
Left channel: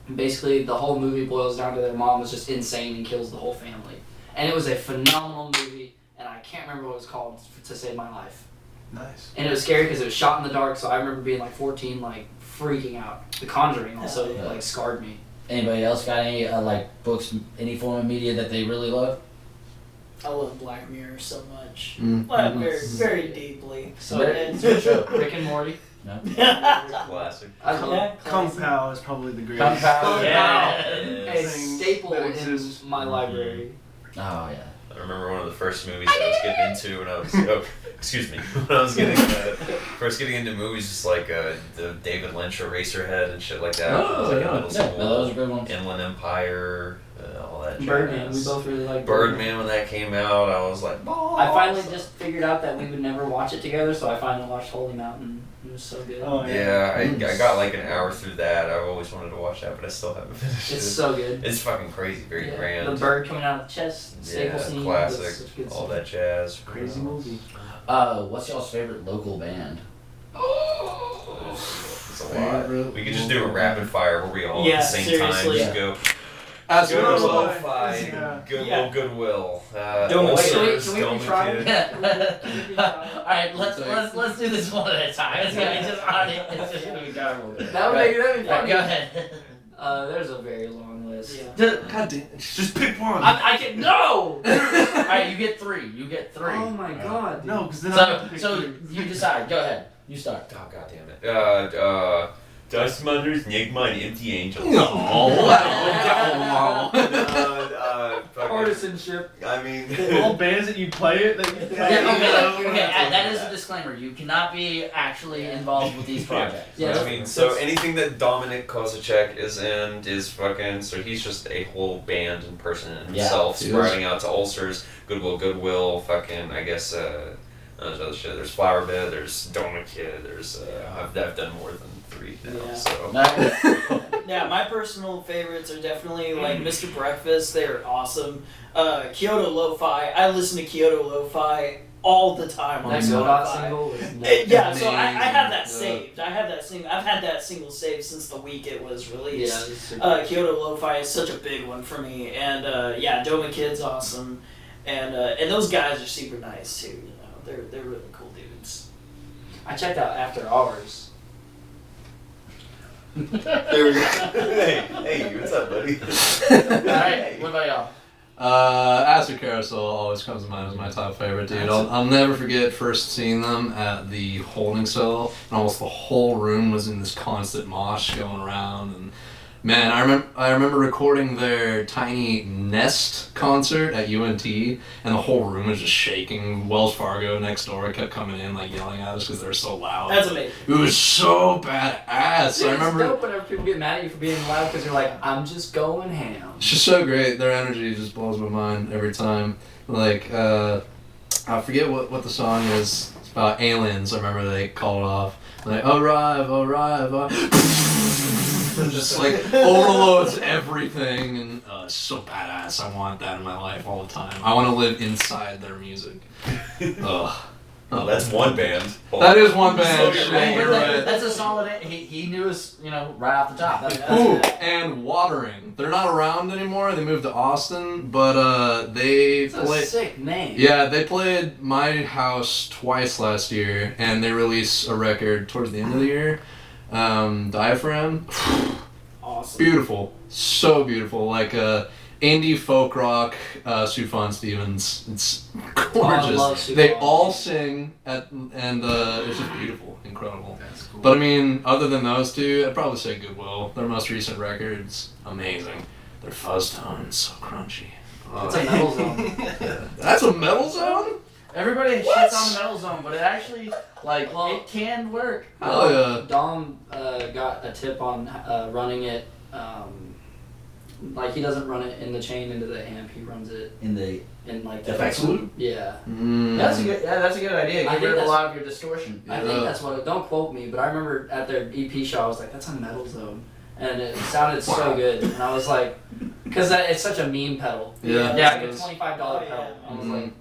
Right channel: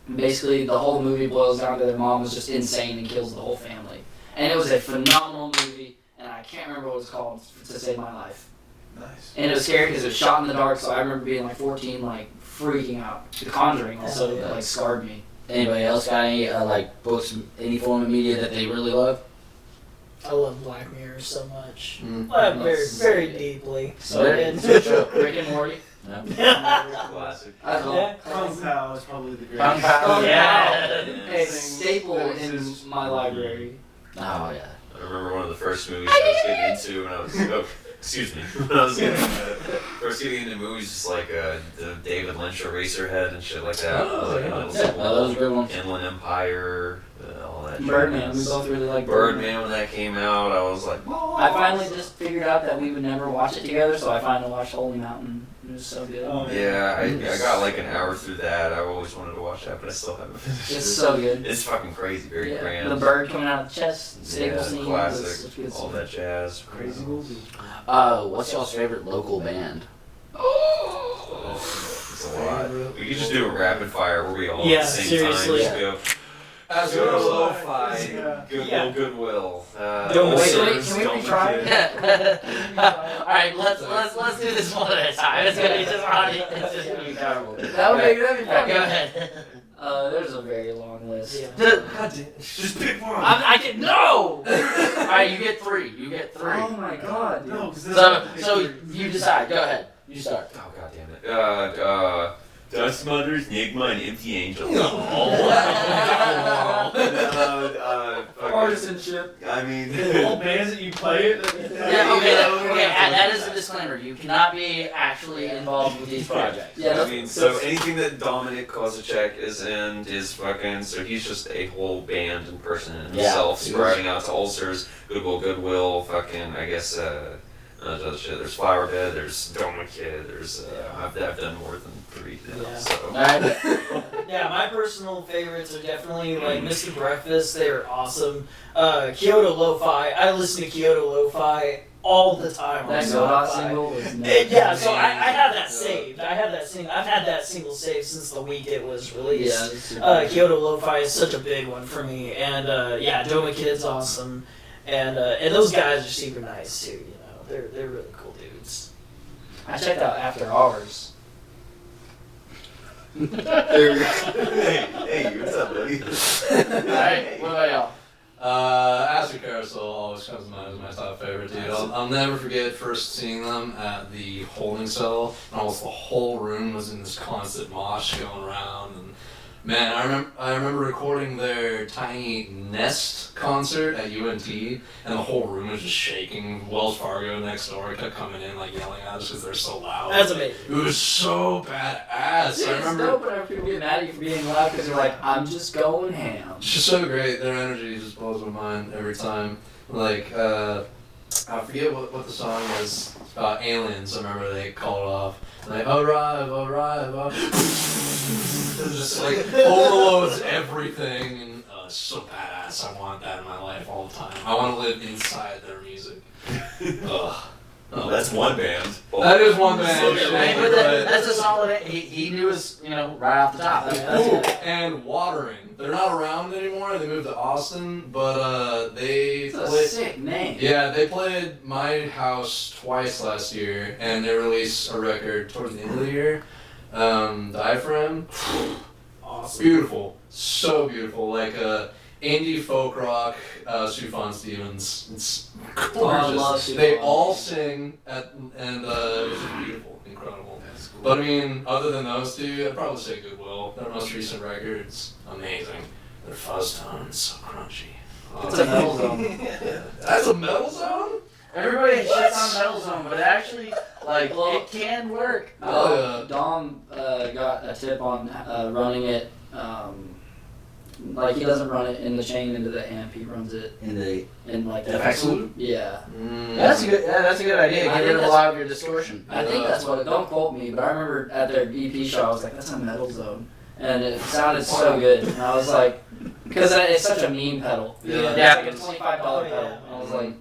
And basically, the whole movie boils down to their mom was just insane and kills the whole family. And it was a phenomenal movie, and I can't remember what it was called to save my life. Nice. And it was scary because it was shot in the dark, so I remember being like 14, like freaking out. The Conjuring also like scarred me. Anybody else got any like books, any form of media that they really love? I love Black Mirror so much. Mm. Very deeply. So it's Rick and Morty. Classic. I love Yeah. Kung Pao is probably the greatest. Kung Pao, yeah. a staple in my library. Oh yeah. I remember one of the first movies I was getting into when I was excuse me, when I was getting first getting into movies, just like the David Lynch Eraserhead and shit like that. Oh, yeah. Little Yeah, those are good ones. Inland Empire, all that. Birdman. We jazz. both really like Birdman when that came out, I was like, oh. I finally just figured out that we would never watch it together, so I finally watched Holy Mountain. It was so good. Oh, Yeah, I got like an hour through that. I always wanted to watch that, but I still haven't finished It's it. so good. It's fucking crazy, very grand. The bird coming out of the chest, Yeah, stable scene. classic. was good All stuff. that jazz. Crazy movie. What's y'all's favorite local band? It's a lot. We could just do a rapid fire where we all Yeah, at the same time seriously. just go. As Good well. lo-fi, Yeah. Goodwill, Goodwill. Don't wait, Ulcers, can we Don't try? Kid. Alright, let's do this one at a time. It's gonna be this audience. It's just gonna be terrible. That'd be Yeah, funny. go ahead. There's a very long list. Yeah. God damn. Just pick one. I can no. Alright, you get three. You get three. Oh my god. Dude. No, because then I So you decide. Go ahead. You start. Oh god damn it. Dust Mothers, Enigma, and Empty Angels. No. uh, Artisanship. I mean, The old bands that you play it. That is a disclaimer. You cannot be actually involved with these projects. Yeah. I mean, so anything that Dominic Kozacek is in is fucking. So he's just a whole band in person in himself, spreading out to Ulcers, Goodwill, fucking. I guess. Other shit. There's Flower Bed. There's Donut Kid. There's. I've done more than 3 now. Yeah. So. Yeah, my personal favorites are definitely like Mr. Breakfast. They're awesome. Kyoto Lo-Fi. I listen to Kyoto Lo-Fi all the time on That Spotify. single is Yeah, so I have that saved. I've had that single saved since the week it was released. Kyoto Lo-Fi is such a big one for me, and Doma Kid's awesome, and those guys are super nice too. You know, they're really cool dudes. I checked out After Hours. Hey, what's up, buddy? Alright, what about y'all? Acid Carousel always comes to mind as my top favorite, dude. I'll never forget first seeing them at the holding cell, and almost the whole room was in this constant mosh going around. And man, I remember recording their Tiny Nest concert at UNT, and the whole room was just shaking. Wells Fargo next door kept coming in like yelling at us because they're so loud. That's amazing. It was so badass. I remember. It's dope whenever people get mad at you for being loud because you're like, I'm just going ham. It's just so great. Their energy just blows my mind every time. Like, I forget what the song is. It's about aliens. I remember they called it off. Like, arrive. It just like overloads everything, and it's so badass. I want that in my life all the time. I want to live inside their music. Ugh. That's one band. That is one band. So You're right. That's a solid. He knew us, right off the top. Ooh, and Watering. They're not around anymore. They moved to Austin, but they It's a played. sick name. Yeah, they played my house twice last year, and they released a record towards the end of the year. Diaphragm. Awesome. Beautiful, so beautiful. Like indie folk rock. Sufjan Stevens. It's gorgeous. love Sufjan. They all sing and it's just beautiful, incredible. But I mean, other than those two, I'd probably say Goodwill. Their most recent record's amazing. Their fuzz tone is so crunchy. It's a metal zone. That's a metal zone? Everybody shits on the Metal Zone, but it actually, it can work. Oh yeah. Dom got a tip on running it. He doesn't run it in the chain into the amp. He runs it In the in like FX loop? Yeah. That's a good idea. I Get think rid of a that's- lot of your distortion. I think that's what. Don't quote me, but I remember at their EP show, I was like, "That's a metal zone," and it sounded so good. And I was like, because it's such a meme pedal. Yeah. Yeah, It's like a $25 pedal. I was like,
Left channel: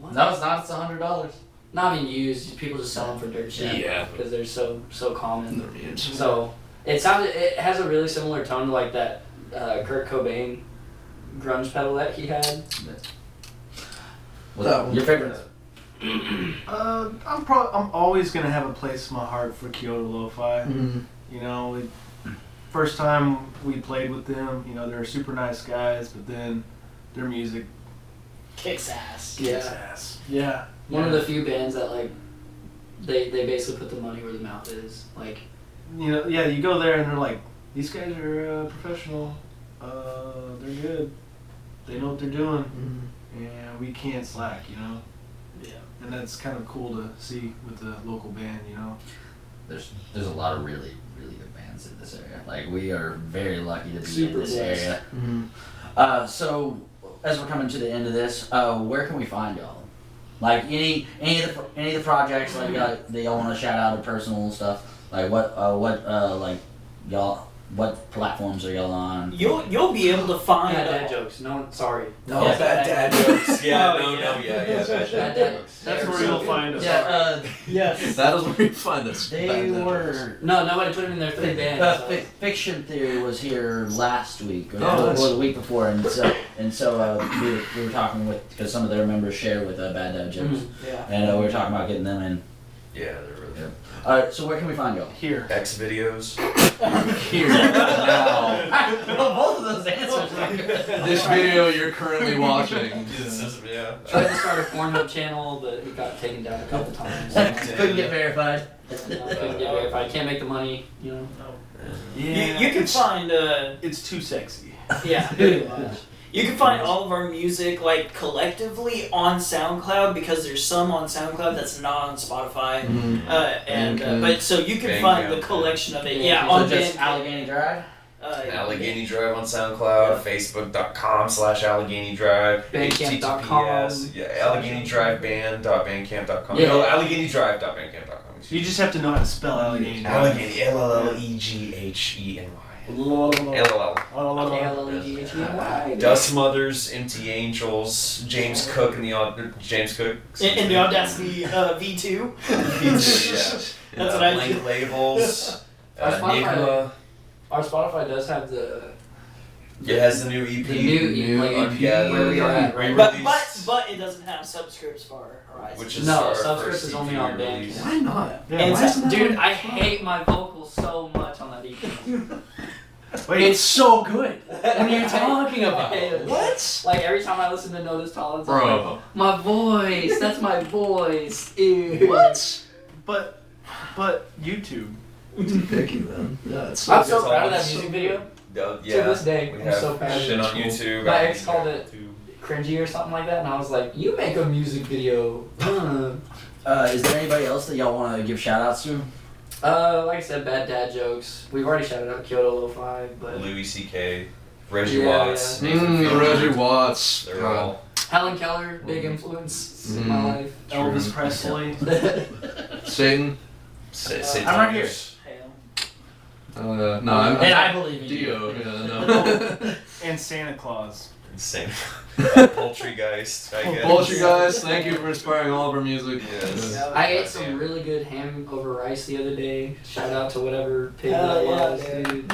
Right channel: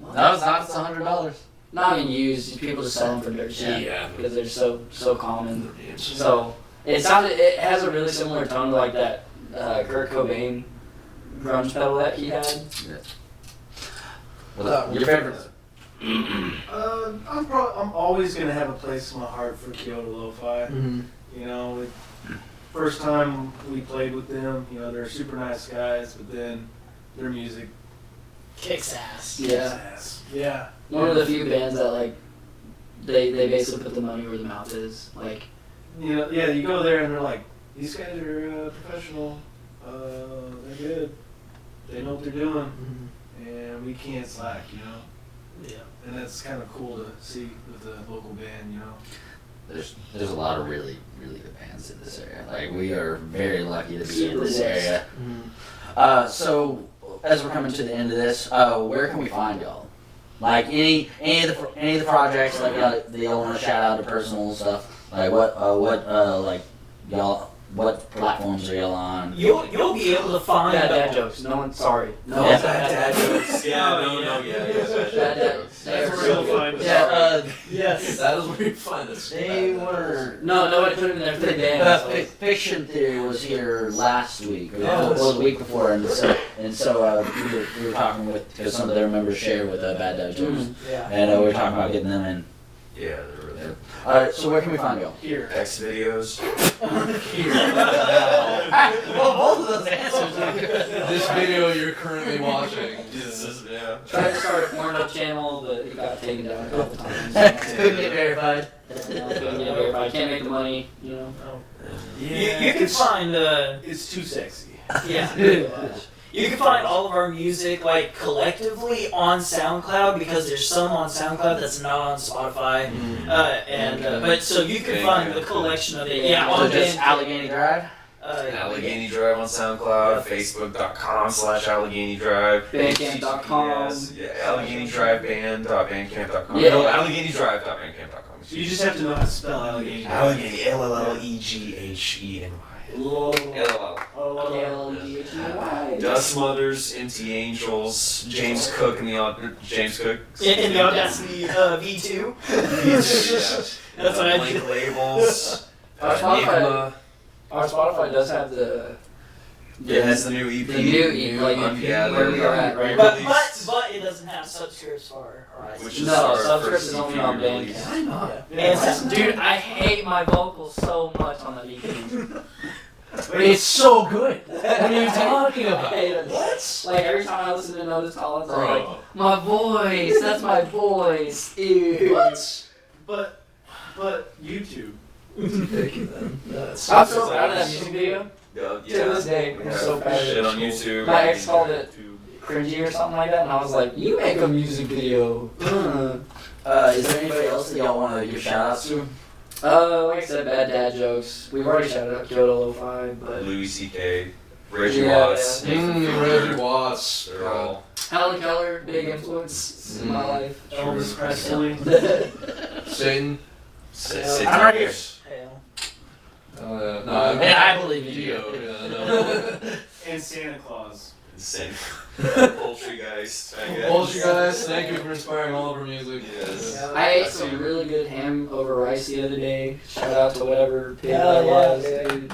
what? No, it's not. It's $100. Not even used. People just sell them for dirt cheap. Yeah. Because they're so common. So it has a really similar tone to like that Kurt Cobain grunge pedal that he had. What's your favorite? I'm always gonna have a place in my heart for Kyoto Lo-Fi. Mm-hmm. You know, first time we played with them, they're super nice guys, but then their music Kicks ass. Yeah. ass. Yeah. One of the few bands that like they basically put the money where the mouth is. Like, You go there and they're like, these guys are professional. They're good. They know what they're doing, and we can't slack. Yeah. And that's kind of cool to see with the local band. There's a lot of really, really good bands in this area. Like, we are very lucky to be in Super this blessed. area. So, as we're coming to the end of this, where can we find y'all? Like, any of the projects that y'all want to shout out to personal stuff? Like, what platforms are y'all on? You'll be able to find. dad jokes. No one, sorry. No, Yeah, dad jokes. Yeah, Dad jokes. That's where you'll find us. Yeah, Yes. That is where you find us. they were. No, nobody put him in there for the band. Fiction Theory was here last week, or Oh. the week before, and so we were talking because some of their members shared with Bad Dad Jokes, Yeah. and we were talking about getting them in. Yeah, Alright, so where can we find y'all? Here. X videos. Here. Now. Well, both of those answers. This video you're currently watching. Yeah. Tried to start a Pornhub channel, but it got taken down a couple times. Couldn't get verified. Couldn't get verified. Can't make the money, You can find. It's too sexy. Yeah. You can find all of our music like collectively on SoundCloud because there's some on SoundCloud that's not on Spotify, but so you can find the collection of it. Yeah, on just Allegheny Drive. Allegheny Drive on SoundCloud, Facebook.com/Allegheny Drive, Bandcamp.com. AlleghenyDriveBand.bandcamp.com. Yeah. No, AlleghenyDrive.bandcamp.com. You just have to know how to spell Allegheny. Allegheny, LLEGHENY. Dust Mothers, Empty Angels, James Cook and the Audacity V2. That's That's what I Blank Labels. Our Spotify does have the It's the new EP. The new EP, where we are at right but it doesn't have subscripts for Horizon. Which is no, our subscripts first is EP only on release. Bandcamp. Why not? And Dude, I hate my vocals so much on that EP. Wait, It's so good. What are you talking I about? hate it. What? Like every time I listen to Notice Collins, I'm like, Bro. my voice, that's my voice. Ew. What? But YouTube. Picky then. That's I'm so proud of that music video. Yeah. To this day, We I'm so have proud of shit it. on YouTube. My ex called it cringy or something like that, and I was like, you make a music video. Is there anybody else that y'all want to give shout outs to? Like I said, bad dad jokes. We've already shouted out Kyoto Lo-Fi, but Louis C.K., Reggie Yeah, Watts, yeah. Nathan Fielder. Reggie Watts. They're all. Helen Keller, big influence in my life. Elvis Presley. Satan. Sid I'm right here. Towers. No, I believe in you. Dio. Yeah, no. And Santa Claus. Insane. Poultry guys, I guess. Poultry guys, thank you for inspiring all of our music. Yes. I ate some really good ham over rice the other day. Shout out to whatever pig Hell that was, yeah, dude.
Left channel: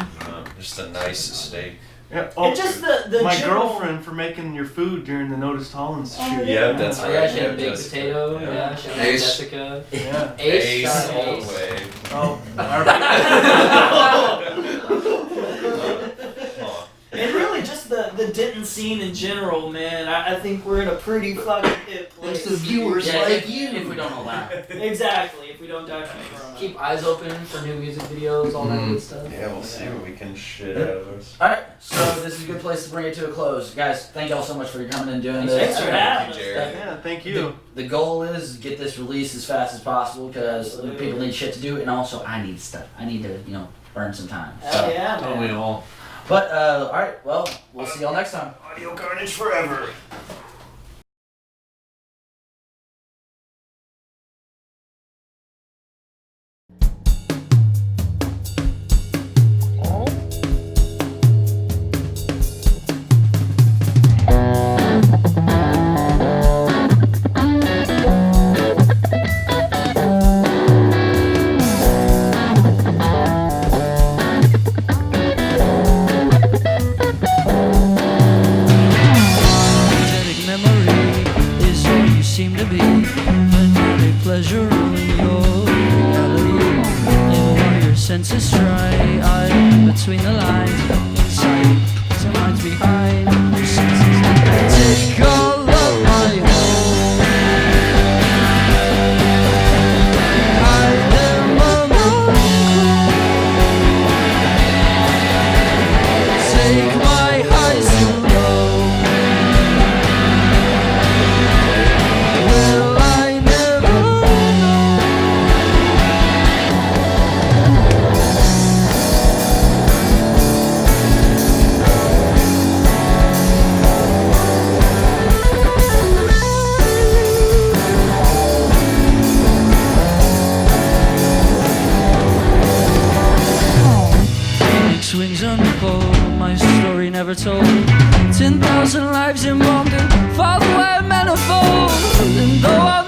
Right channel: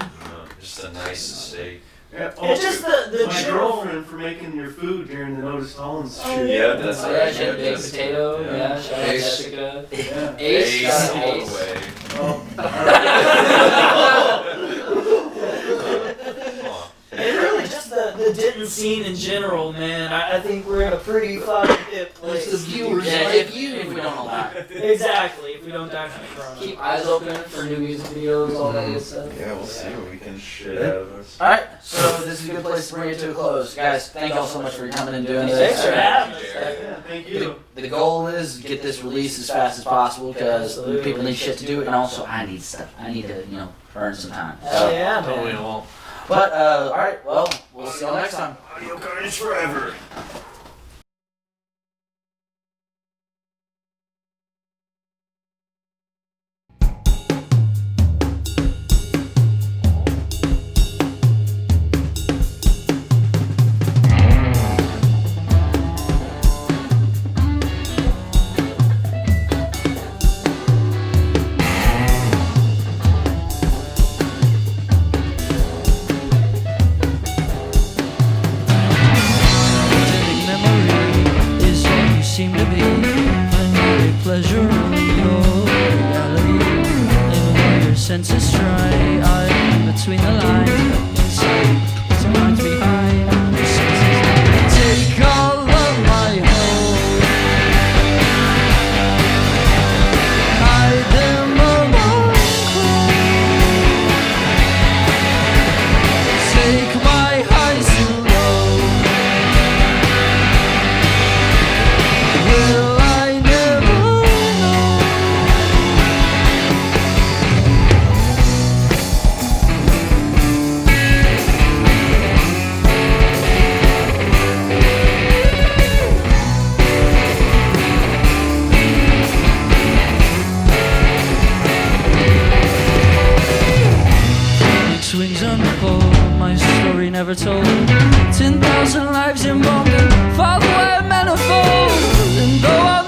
Just the nicest steak. Yeah, It's just the my general- girlfriend for making your food during the Notice Collins Oh, shoot. Yeah, that's Oh right. yeah, she had a big Jessica. potato. Yeah, shout out Ace. Jessica. Yeah. Ace, Ace shout out all Ace. the way. Oh. Come on. And really just the Denton scene in general, man. I think we're in a pretty fucking hip place. It's the viewers. Yeah, Like, if we don't allow it. Exactly, if we don't die from corona. keep eyes open for new music videos, all that good stuff. Yeah, we'll see what we can shit out of us. Alright, so this is a good place to bring it to a close. Guys, thank y'all so much for coming and doing this. Thanks for having us. Jared. Yeah, thank you. The goal is get this released as fast as possible because people need shit to do, and also I need stuff. I need to, burn some time. Hell yeah, Don't we man. all? But, alright, well, we'll see y'all next time. Audio Carnage forever. Pathetic memory is all you seem to be. Fanatic pleasure in your reality. Even while your senses try, I'm between the lines, inside, some lines behind. Your senses take all of my hope. Hide them among clothes. Take my highs to low. Will I never know? Phoenix wings on the pole, my story never told. 10,000 lives embalmed in fatherland manifold. And though I'm